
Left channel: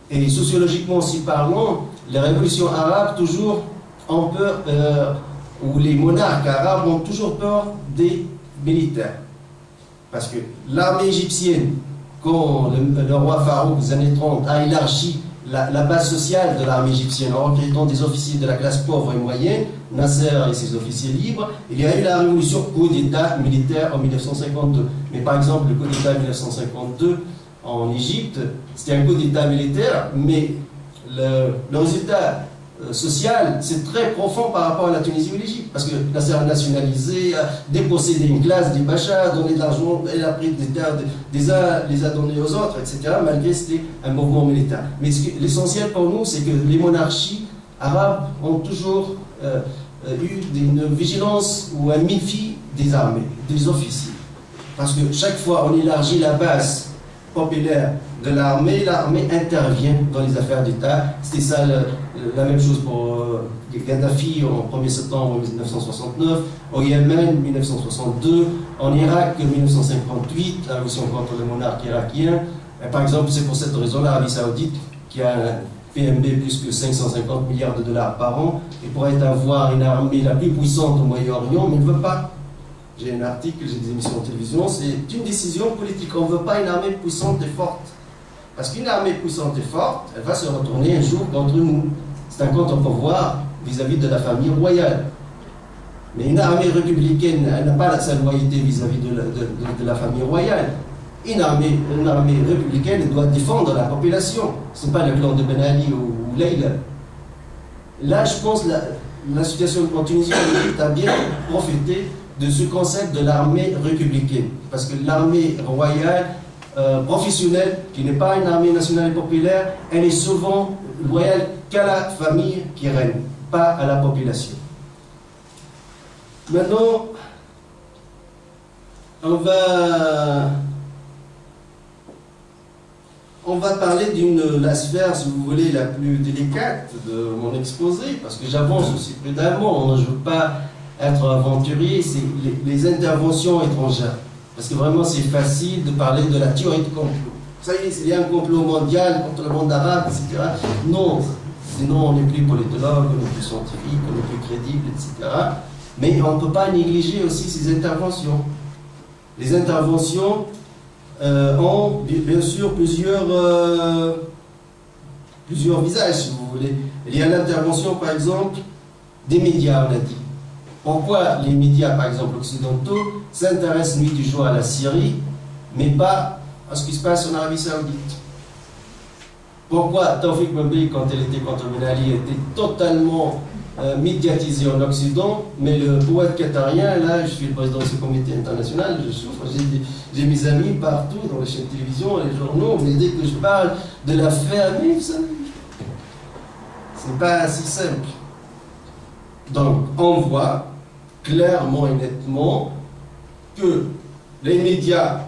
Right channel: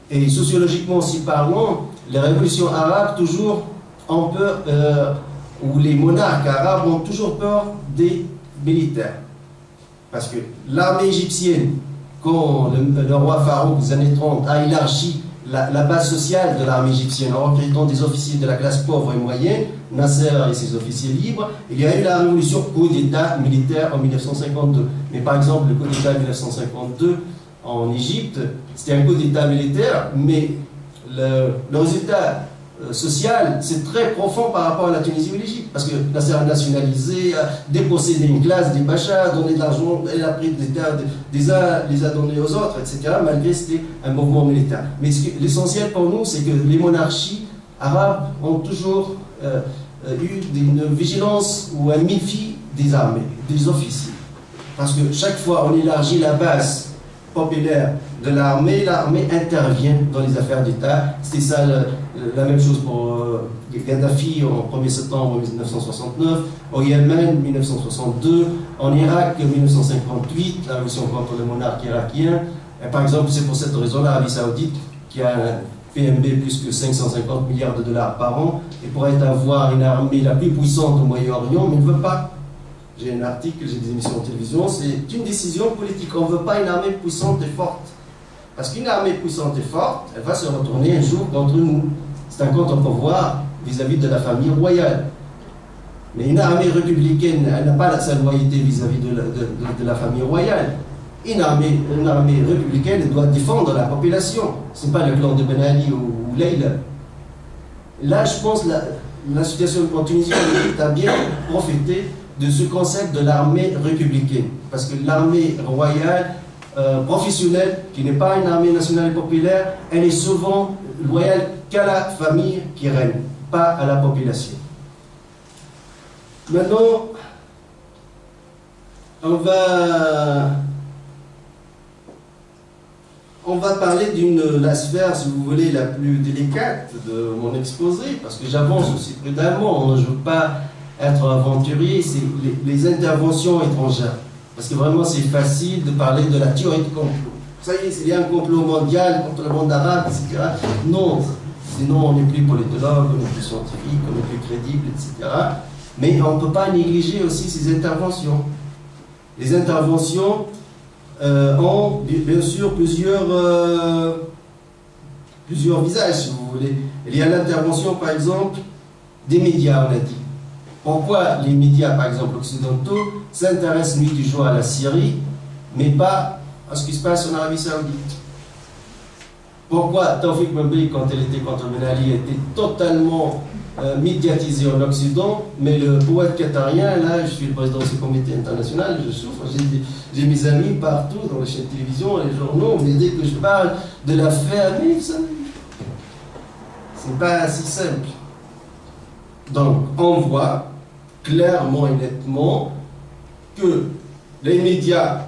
Et sociologiquement aussi parlant, les révolutions arabes toujours ont peur, ou les monarques arabes ont toujours peur des militaires. Parce que l'armée égyptienne, quand le roi Farouk des années 30 a élargi la base sociale de l'armée égyptienne en recrutant des officiers de la classe pauvre et moyenne, Nasser et ses officiers libres, il y a eu la révolution coup d'État militaire en 1952. Mais par exemple, le coup d'État 1952 en Égypte, c'était un coup d'État militaire, mais le résultat social, c'est très profond par rapport à la Tunisie ou l'Égypte, parce que Nasser a nationalisé, a dépossédé une classe des bachas, a donné de l'argent, elle a pris des terres des uns, les a donnés aux autres, etc., malgré que c'était un mouvement militaire. Mais l'essentiel pour nous, c'est que les monarchies arabes ont toujours eu une vigilance ou un méfi des armées, des officiers. Parce que chaque fois on élargit la base populaire de l'armée intervient dans les affaires d'État. C'était ça la même chose pour Gaddafi en 1er septembre 1969, au Yémen 1962, en Irak 1958, la révolution contre le monarque irakien. Et par exemple, c'est pour cette raison l'Arabie Saoudite, qui a un PNB plus que 550 milliards de dollars par an, et pourrait avoir une armée la plus puissante au Moyen-Orient, mais ne veut pas. J'ai un article, j'ai des émissions de télévision, c'est une décision politique. On ne veut pas une armée puissante et forte. Parce qu'une armée puissante et forte, elle va se retourner un jour contre nous. C'est un compte en pouvoir vis-à-vis de la famille royale. Mais une armée républicaine, elle n'a pas sa loyauté vis-à-vis de la famille royale. Une armée républicaine doit défendre la population. Ce n'est pas le clan de Ben Ali ou Leila Là, je pense que la situation en Tunisie a bien profité de ce concept de l'armée républicaine. Parce que l'armée royale, professionnelle, qui n'est pas une armée nationale et populaire, elle est souvent loyale qu'à la famille qui règne, pas à la population. Maintenant, on va parler d'une la sphère, si vous voulez, la plus délicate de mon exposé, parce que j'avance aussi prudemment, je ne veux pas être aventurier, c'est les interventions étrangères. Parce que vraiment, c'est facile de parler de la théorie de complot. Ça y est, il y a un complot mondial contre le monde arabe, etc. Non, sinon on n'est plus politologue, on n'est plus scientifique, on n'est plus crédible, etc. Mais on ne peut pas négliger aussi ces interventions. Les interventions ont bien sûr plusieurs visages, si vous voulez. Il y a l'intervention, par exemple, des médias, on a dit. Pourquoi les médias, par exemple, occidentaux, s'intéressent nuit du jour à la Syrie, mais pas à ce qui se passe en Arabie Saoudite? Pourquoi Taoufik Boumbi, quand elle était contre Ben Ali, était totalement médiatisé en Occident, mais le poète qatarien, là, je suis le président de ce comité international, je souffre, j'ai mes amis partout, dans les chaînes de télévision, les journaux, mais dès que je parle de l'affaire, mais ça, c'est pas si simple. Donc, on voit clairement et nettement que les médias,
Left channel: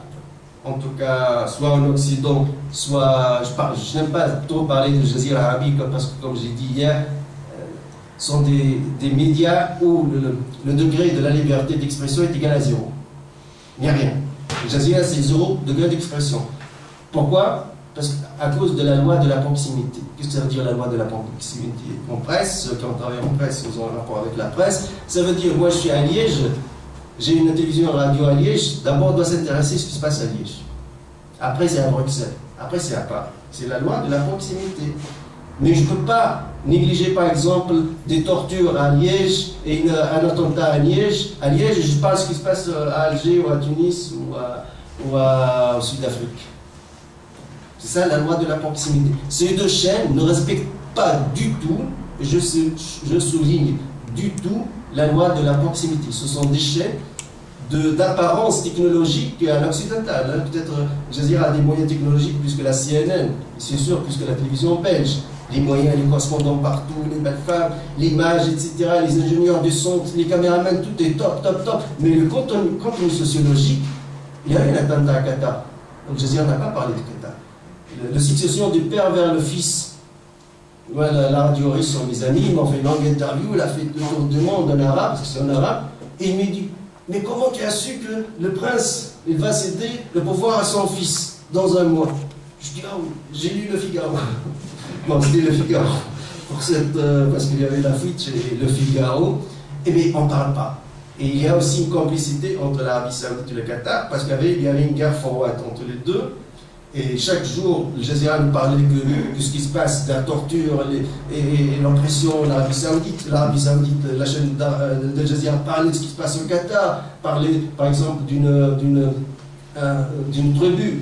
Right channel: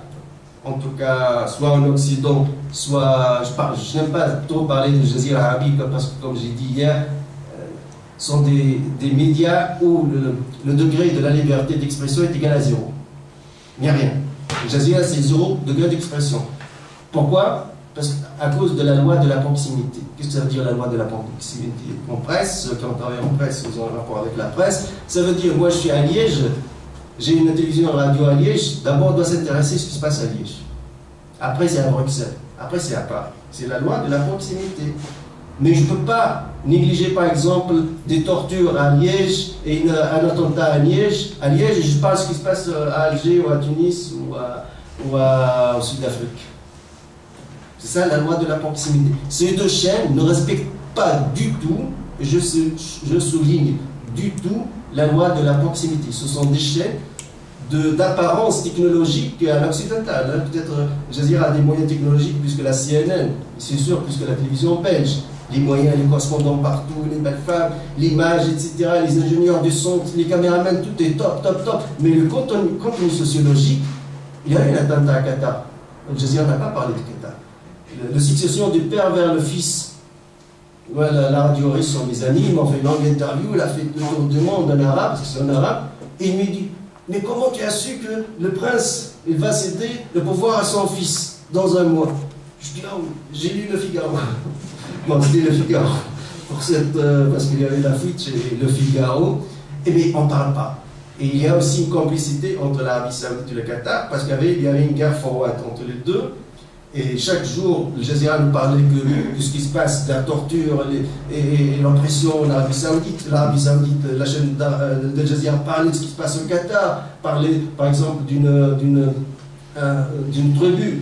en tout cas, soit en Occident, soit, je n'aime pas trop parler de Jazira Arabique, parce que comme j'ai dit hier, sont des médias où le degré de la liberté d'expression est égal à 0. Il n'y a rien. Le Jazira, c'est 0 degré d'expression. Pourquoi? Parce qu'à cause de la loi de la proximité. Qu'est-ce que ça veut dire la loi de la proximité? En presse, ceux qui ont travaillé en presse, ils ont un rapport avec la presse. Ça veut dire, moi je suis à Liège, j'ai une télévision radio à Liège, d'abord on doit s'intéresser à ce qui se passe à Liège. Après c'est à Bruxelles, après c'est à Paris. C'est la loi de la proximité. Mais je ne peux pas négliger par exemple des tortures à Liège et un attentat à Liège. À Liège, je parle de ce qui se passe à Alger ou à Tunis ou au Sud-Afrique. C'est ça la loi de la proximité. Ces deux chaînes ne respectent pas du tout, je souligne, du tout la loi de la proximité. Ce sont des chaînes d'apparence technologique à l'occidental. Peut-être Jazira a des moyens technologiques plus que la CNN, c'est sûr, plus que la télévision belge. Les moyens, les correspondants partout, les belles femmes, l'image, etc., les ingénieurs du son, les caméramans, tout est top, top, top. Mais le contenu sociologique, il y a eu un attentat à Qatar. Donc Jazira n'a pas parlé de Qatar. La succession du père vers le fils. Voilà, la radio russe sont mes amis, ils m'ont fait une longue interview, il a fait le tour du monde en arabe, parce que c'est en arabe, et il me dit, mais comment tu as su que le prince, il va céder le pouvoir à son fils dans un mois? Je dis, ah oui, j'ai lu le Figaro. Bon, c'était le Figaro, parce qu'il y avait la fuite chez le Figaro, et bien on ne parle pas. Et il y a aussi une complicité entre l'Arabie Saoudite et le Qatar, parce qu'il y avait une guerre froide entre les deux. Et chaque jour, le Jazira nous parlait de ce qui se passe, de la torture et l'oppression en Arabie Saoudite. L'Arabie Saoudite, la chaîne de Jazira parlait de ce qui se passe au Qatar, parlait par exemple d'une tribu,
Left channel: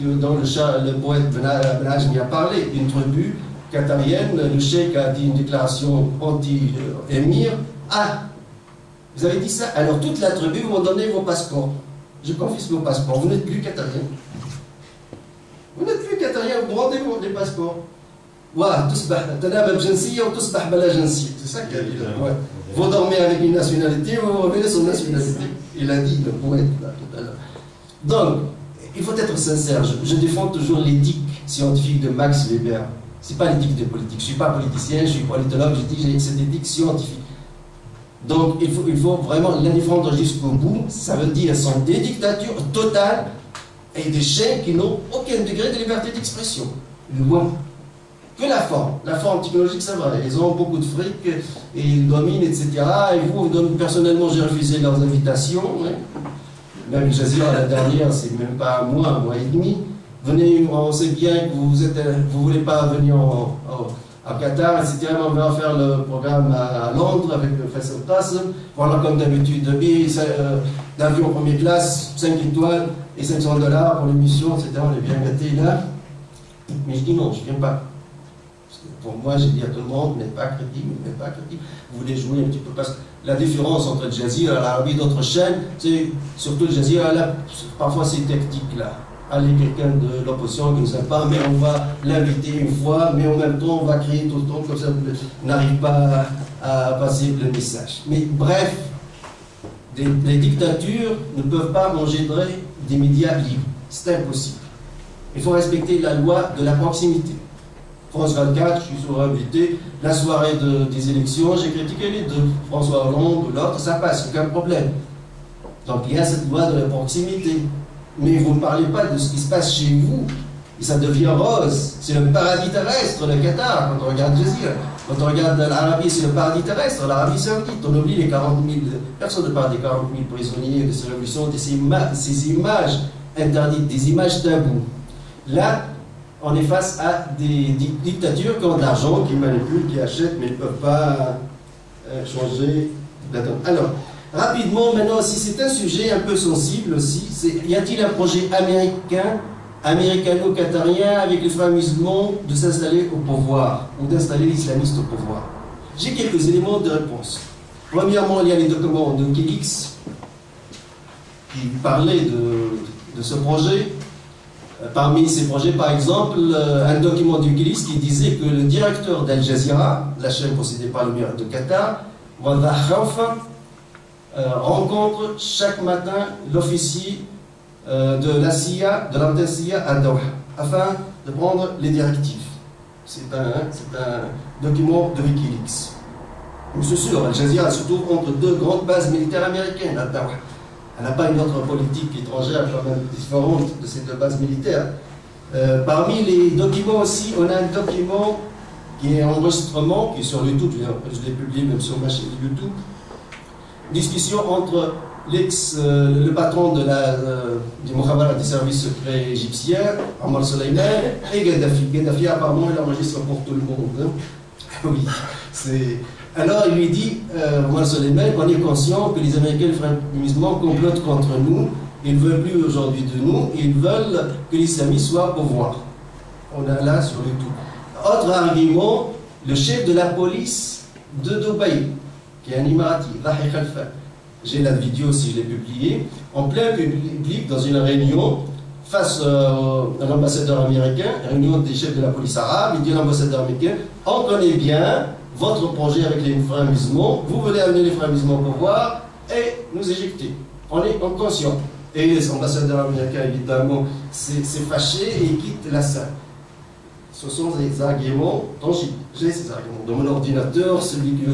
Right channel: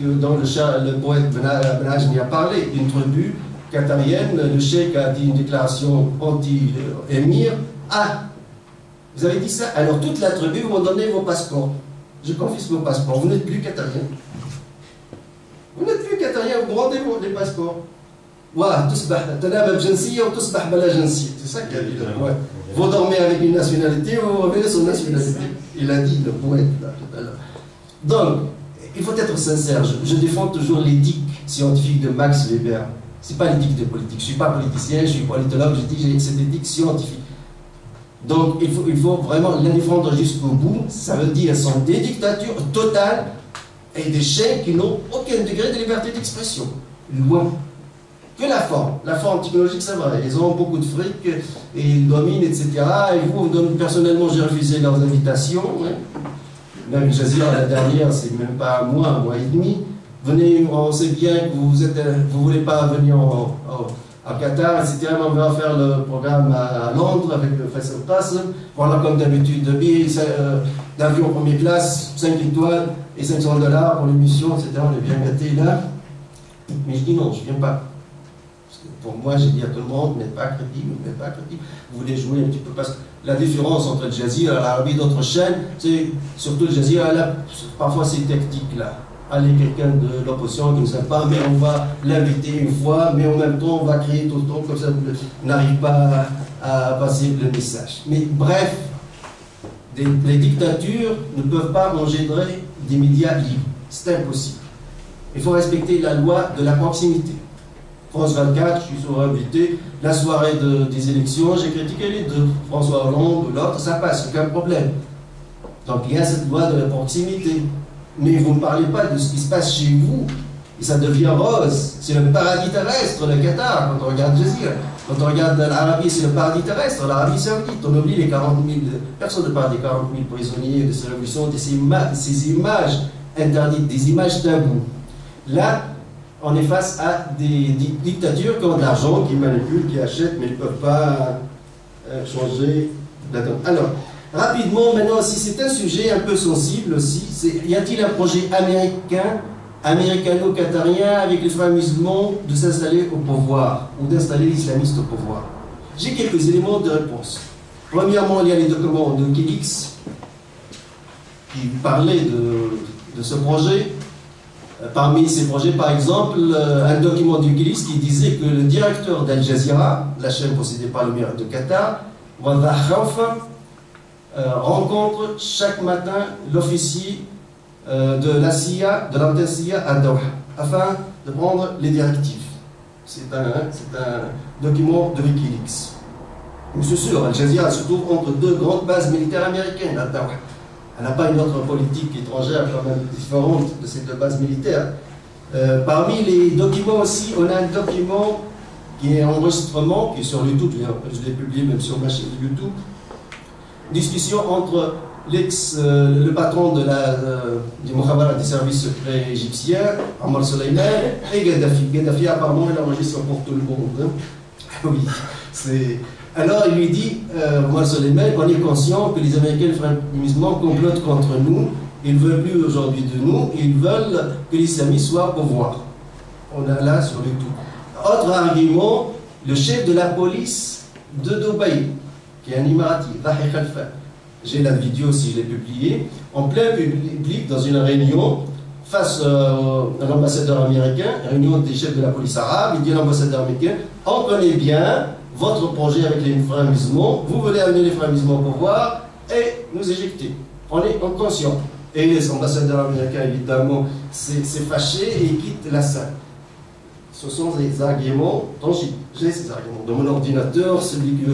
dont le poète Ben Ajmi a parlé, d'une tribu qatarienne. Le cheikh a dit une déclaration anti-émir. Ah, vous avez dit ça? Alors toute la tribu vous donner vos passeports. Je confisque vos passeports, vous n'êtes plus qatarien. Vous n'êtes plus qatarien, vous rendez les passeports. C'est ça qu'il a dit le poète. Vous dormez avec une nationalité, vous revenez son nationalité. Il a dit le poète là, tout à l'heure. Donc, il faut être sincère. Je défends toujours l'éthique scientifique de Max Weber. Ce n'est pas l'éthique de politique. Je ne suis pas politicien, je suis politologue, je dis c'est l'éthique scientifique. Donc, il faut vraiment la défendre jusqu'au bout. Ça veut dire sont des dictatures totales et des chaînes qui n'ont aucun degré de liberté d'expression. Loin. Que la forme technologique, ça va. Ils ont beaucoup de fric et ils dominent, etc. Et vous, personnellement, j'ai refusé leurs invitations. Hein. Même Jazira, la dernière, c'est même pas un mois et demi. Venez, on sait bien que vous ne voulez pas venir à Qatar, etc. On va faire le programme à Londres avec le Faisal Qasem. Voilà, comme d'habitude, d'avion première classe, 5 étoiles et $500 pour l'émission, etc. On est bien gâtés là. Mais je dis non, je ne viens pas. Pour moi, j'ai dit à tout le monde, n'est pas crédible, n'est pas crédible. Vous voulez jouer un petit peu, parce que la différence entre le Jazeera, l'Arabie et d'autres chaînes, c'est surtout le Jazeera, là, parfois c'est tactique là. Allez, quelqu'un de l'opposition qui ne sait pas, mais on va l'inviter une fois, mais en même temps on va créer tout le temps, comme ça on n'arrive pas à passer le message. Mais bref, les dictatures ne peuvent pas engendrer des médias libres. C'est impossible. Il faut respecter la loi de la proximité. France 24, je suis souvent invité, la soirée des élections, j'ai critiqué les deux, François Hollande ou l'autre, ça passe, aucun problème. Donc il y a cette loi de la proximité. Mais vous ne parlez pas de ce qui se passe chez vous, et ça devient rose. C'est le paradis terrestre, le Qatar, quand on regarde Jazeera. Quand on regarde l'Arabie, c'est le paradis terrestre, l'Arabie Saoudite. On oublie les 40 000, personne ne parle des 40 000 prisonniers de ces révolutions, de ces images interdites, des images taboues. Là, on est face à des dictatures qui ont de l'argent, qui manipulent, qui achètent, mais ils ne peuvent pas changer la donne. Alors, rapidement, maintenant, si c'est un sujet un peu sensible aussi, y a-t-il un projet américano-qatarien avec les frères musulmans de s'installer au pouvoir ou d'installer les islamistes au pouvoir? J'ai quelques éléments de réponse. Premièrement, il y a les documents de Wikileaks qui parlaient de ce projet. Parmi ces projets, par exemple, un document de Wikileaks qui disait que le directeur d'Al Jazeera, la chaîne possédée par l'émirat de Qatar, Waddah Khaufa, rencontre chaque matin l'officier de la CIA, de l'antenne CIA à Doha, afin de prendre les directives. C'est un document de Wikileaks. Mais c'est sûr, Al Jazeera se trouve entre deux grandes bases militaires américaines à Doha. Elle n'a pas une autre politique étrangère quand même différente de ces deux bases militaires. Parmi les documents aussi, on a un document qui est un enregistrement, qui est sur YouTube, je l'ai publié même sur ma chaîne YouTube, discussion entre le patron du Mukhabarat des services secrets égyptiens, Ammar Soleiman, et Gaddafi. Gaddafi, apparemment, il enregistre pour tout le monde. Hein. Oui, c'est... Alors il lui dit, Ammar Soleiman, qu'on est conscient que les Américains et les frères musulmans complotent contre nous, ils ne veulent plus aujourd'hui de nous, ils veulent que l'islamisme soit au pouvoir. On a là sur YouTube. Autre argument, le chef de la police de Dubaï, qui est un Émirati, Rahi Khalfa. J'ai la vidéo si je l'ai publiée, en plein public, dans une réunion, face à l'ambassadeur américain, réunion des chefs de la police arabe, il dit à l'ambassadeur américain, on connaît bien votre projet avec les frères musulmans, vous voulez amener les frères musulmans au pouvoir et nous éjecter. On est conscient. Et les ambassadeurs américains, évidemment, s'est fâché et quitte la salle. Ce sont des arguments tangibles. J'ai ces arguments dans mon ordinateur, celui que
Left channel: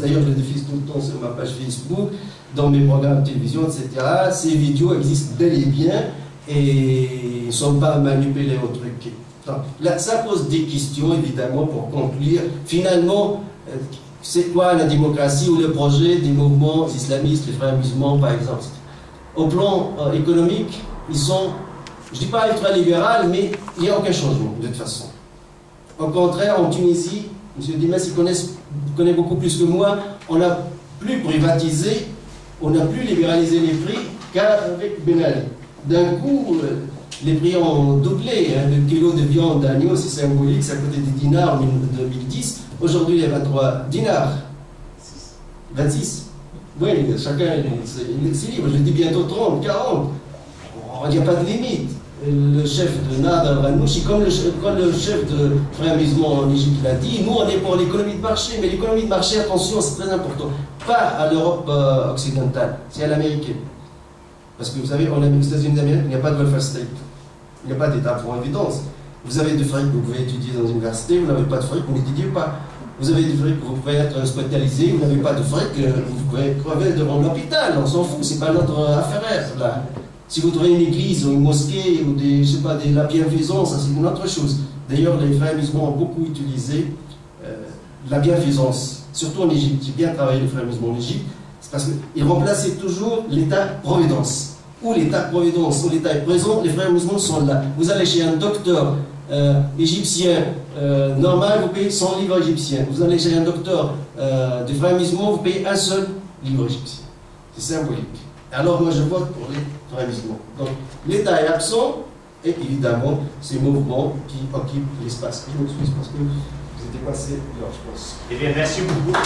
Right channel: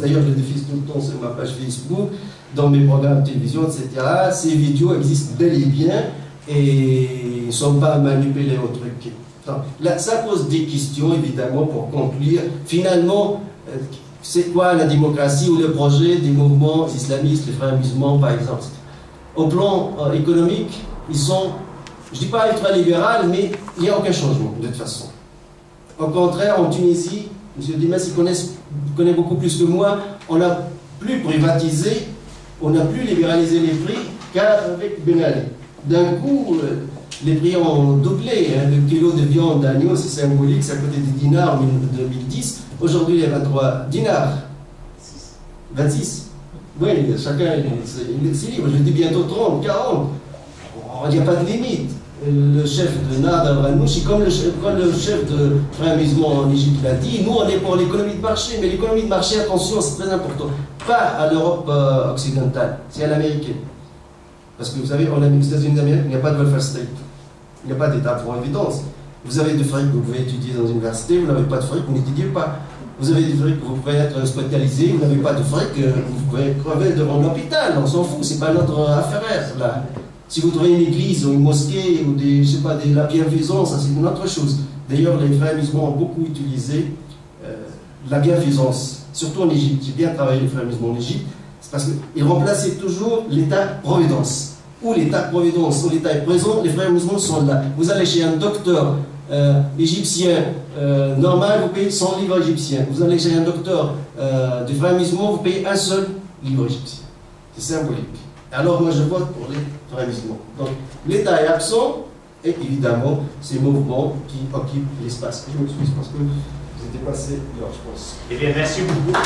d'ailleurs je le diffuse tout le temps sur ma page Facebook, dans mes programmes de télévision, etc. Ces vidéos existent bel et bien et ne sont pas manipulées au truc. Donc, là, ça pose des questions, évidemment, pour conclure. Finalement, c'est quoi la démocratie ou le projet des mouvements islamistes, les frères musulmans, par exemple? Au plan économique, ils sont, je ne dis pas ultra-libéral, mais il n'y a aucun changement, de toute façon. Au contraire, en Tunisie, M. Dimas, il connaît beaucoup plus que moi, on n'a plus privatisé, on n'a plus libéralisé les prix qu'avec Ben Ali. D'un coup, les prix ont doublé. Hein. Le kilo de viande d'agneau, c'est symbolique, c'est à côté des dinars en 2010. Aujourd'hui, il y a 23 dinars. 26. Oui, chacun c'est libre. Je dis bientôt 30, 40. Il n'y a pas de limite. Le chef de Nader Al-Nouchi, comme le chef de Frères musulmans en Égypte l'a dit, nous on est pour l'économie de marché, mais l'économie de marché, attention, c'est très important. Pas à l'Europe occidentale, c'est à l'américaine. Parce que vous savez, on a aux États-Unis d'Amérique, il n'y a pas de welfare state. Il n'y a pas d'État pour évidence. Vous avez du fric, vous pouvez étudier dans une université, vous n'avez pas de fric, vous n'étudiez pas. Vous avez du fric, vous pouvez être hospitalisé, vous n'avez pas de fric, vous pouvez crever devant l'hôpital, on s'en fout, c'est pas notre affaire là. Si vous trouvez une église ou une mosquée ou je sais pas, la bienfaisance, ça c'est une autre chose. D'ailleurs, les frères musulmans ont beaucoup utilisé la bienfaisance, surtout en Égypte. J'ai bien travaillé les frères musulmans en Égypte, c'est parce qu'ils remplaçaient toujours l'État-providence. Où l'État-providence, où l'État est présent, les frères musulmans sont là. Vous allez chez un docteur égyptien normal, vous payez 100 livres égyptiens. Vous allez chez un docteur des frères musulmans, vous payez un seul livre égyptien. C'est symbolique. Alors moi je vote pour les frères musulmans. Donc l'État est absent et évidemment ces mouvements qui occupent l'espace. Je m'excuse parce que J'ai dépassé l'heure, je pense. Eh bien, merci beaucoup.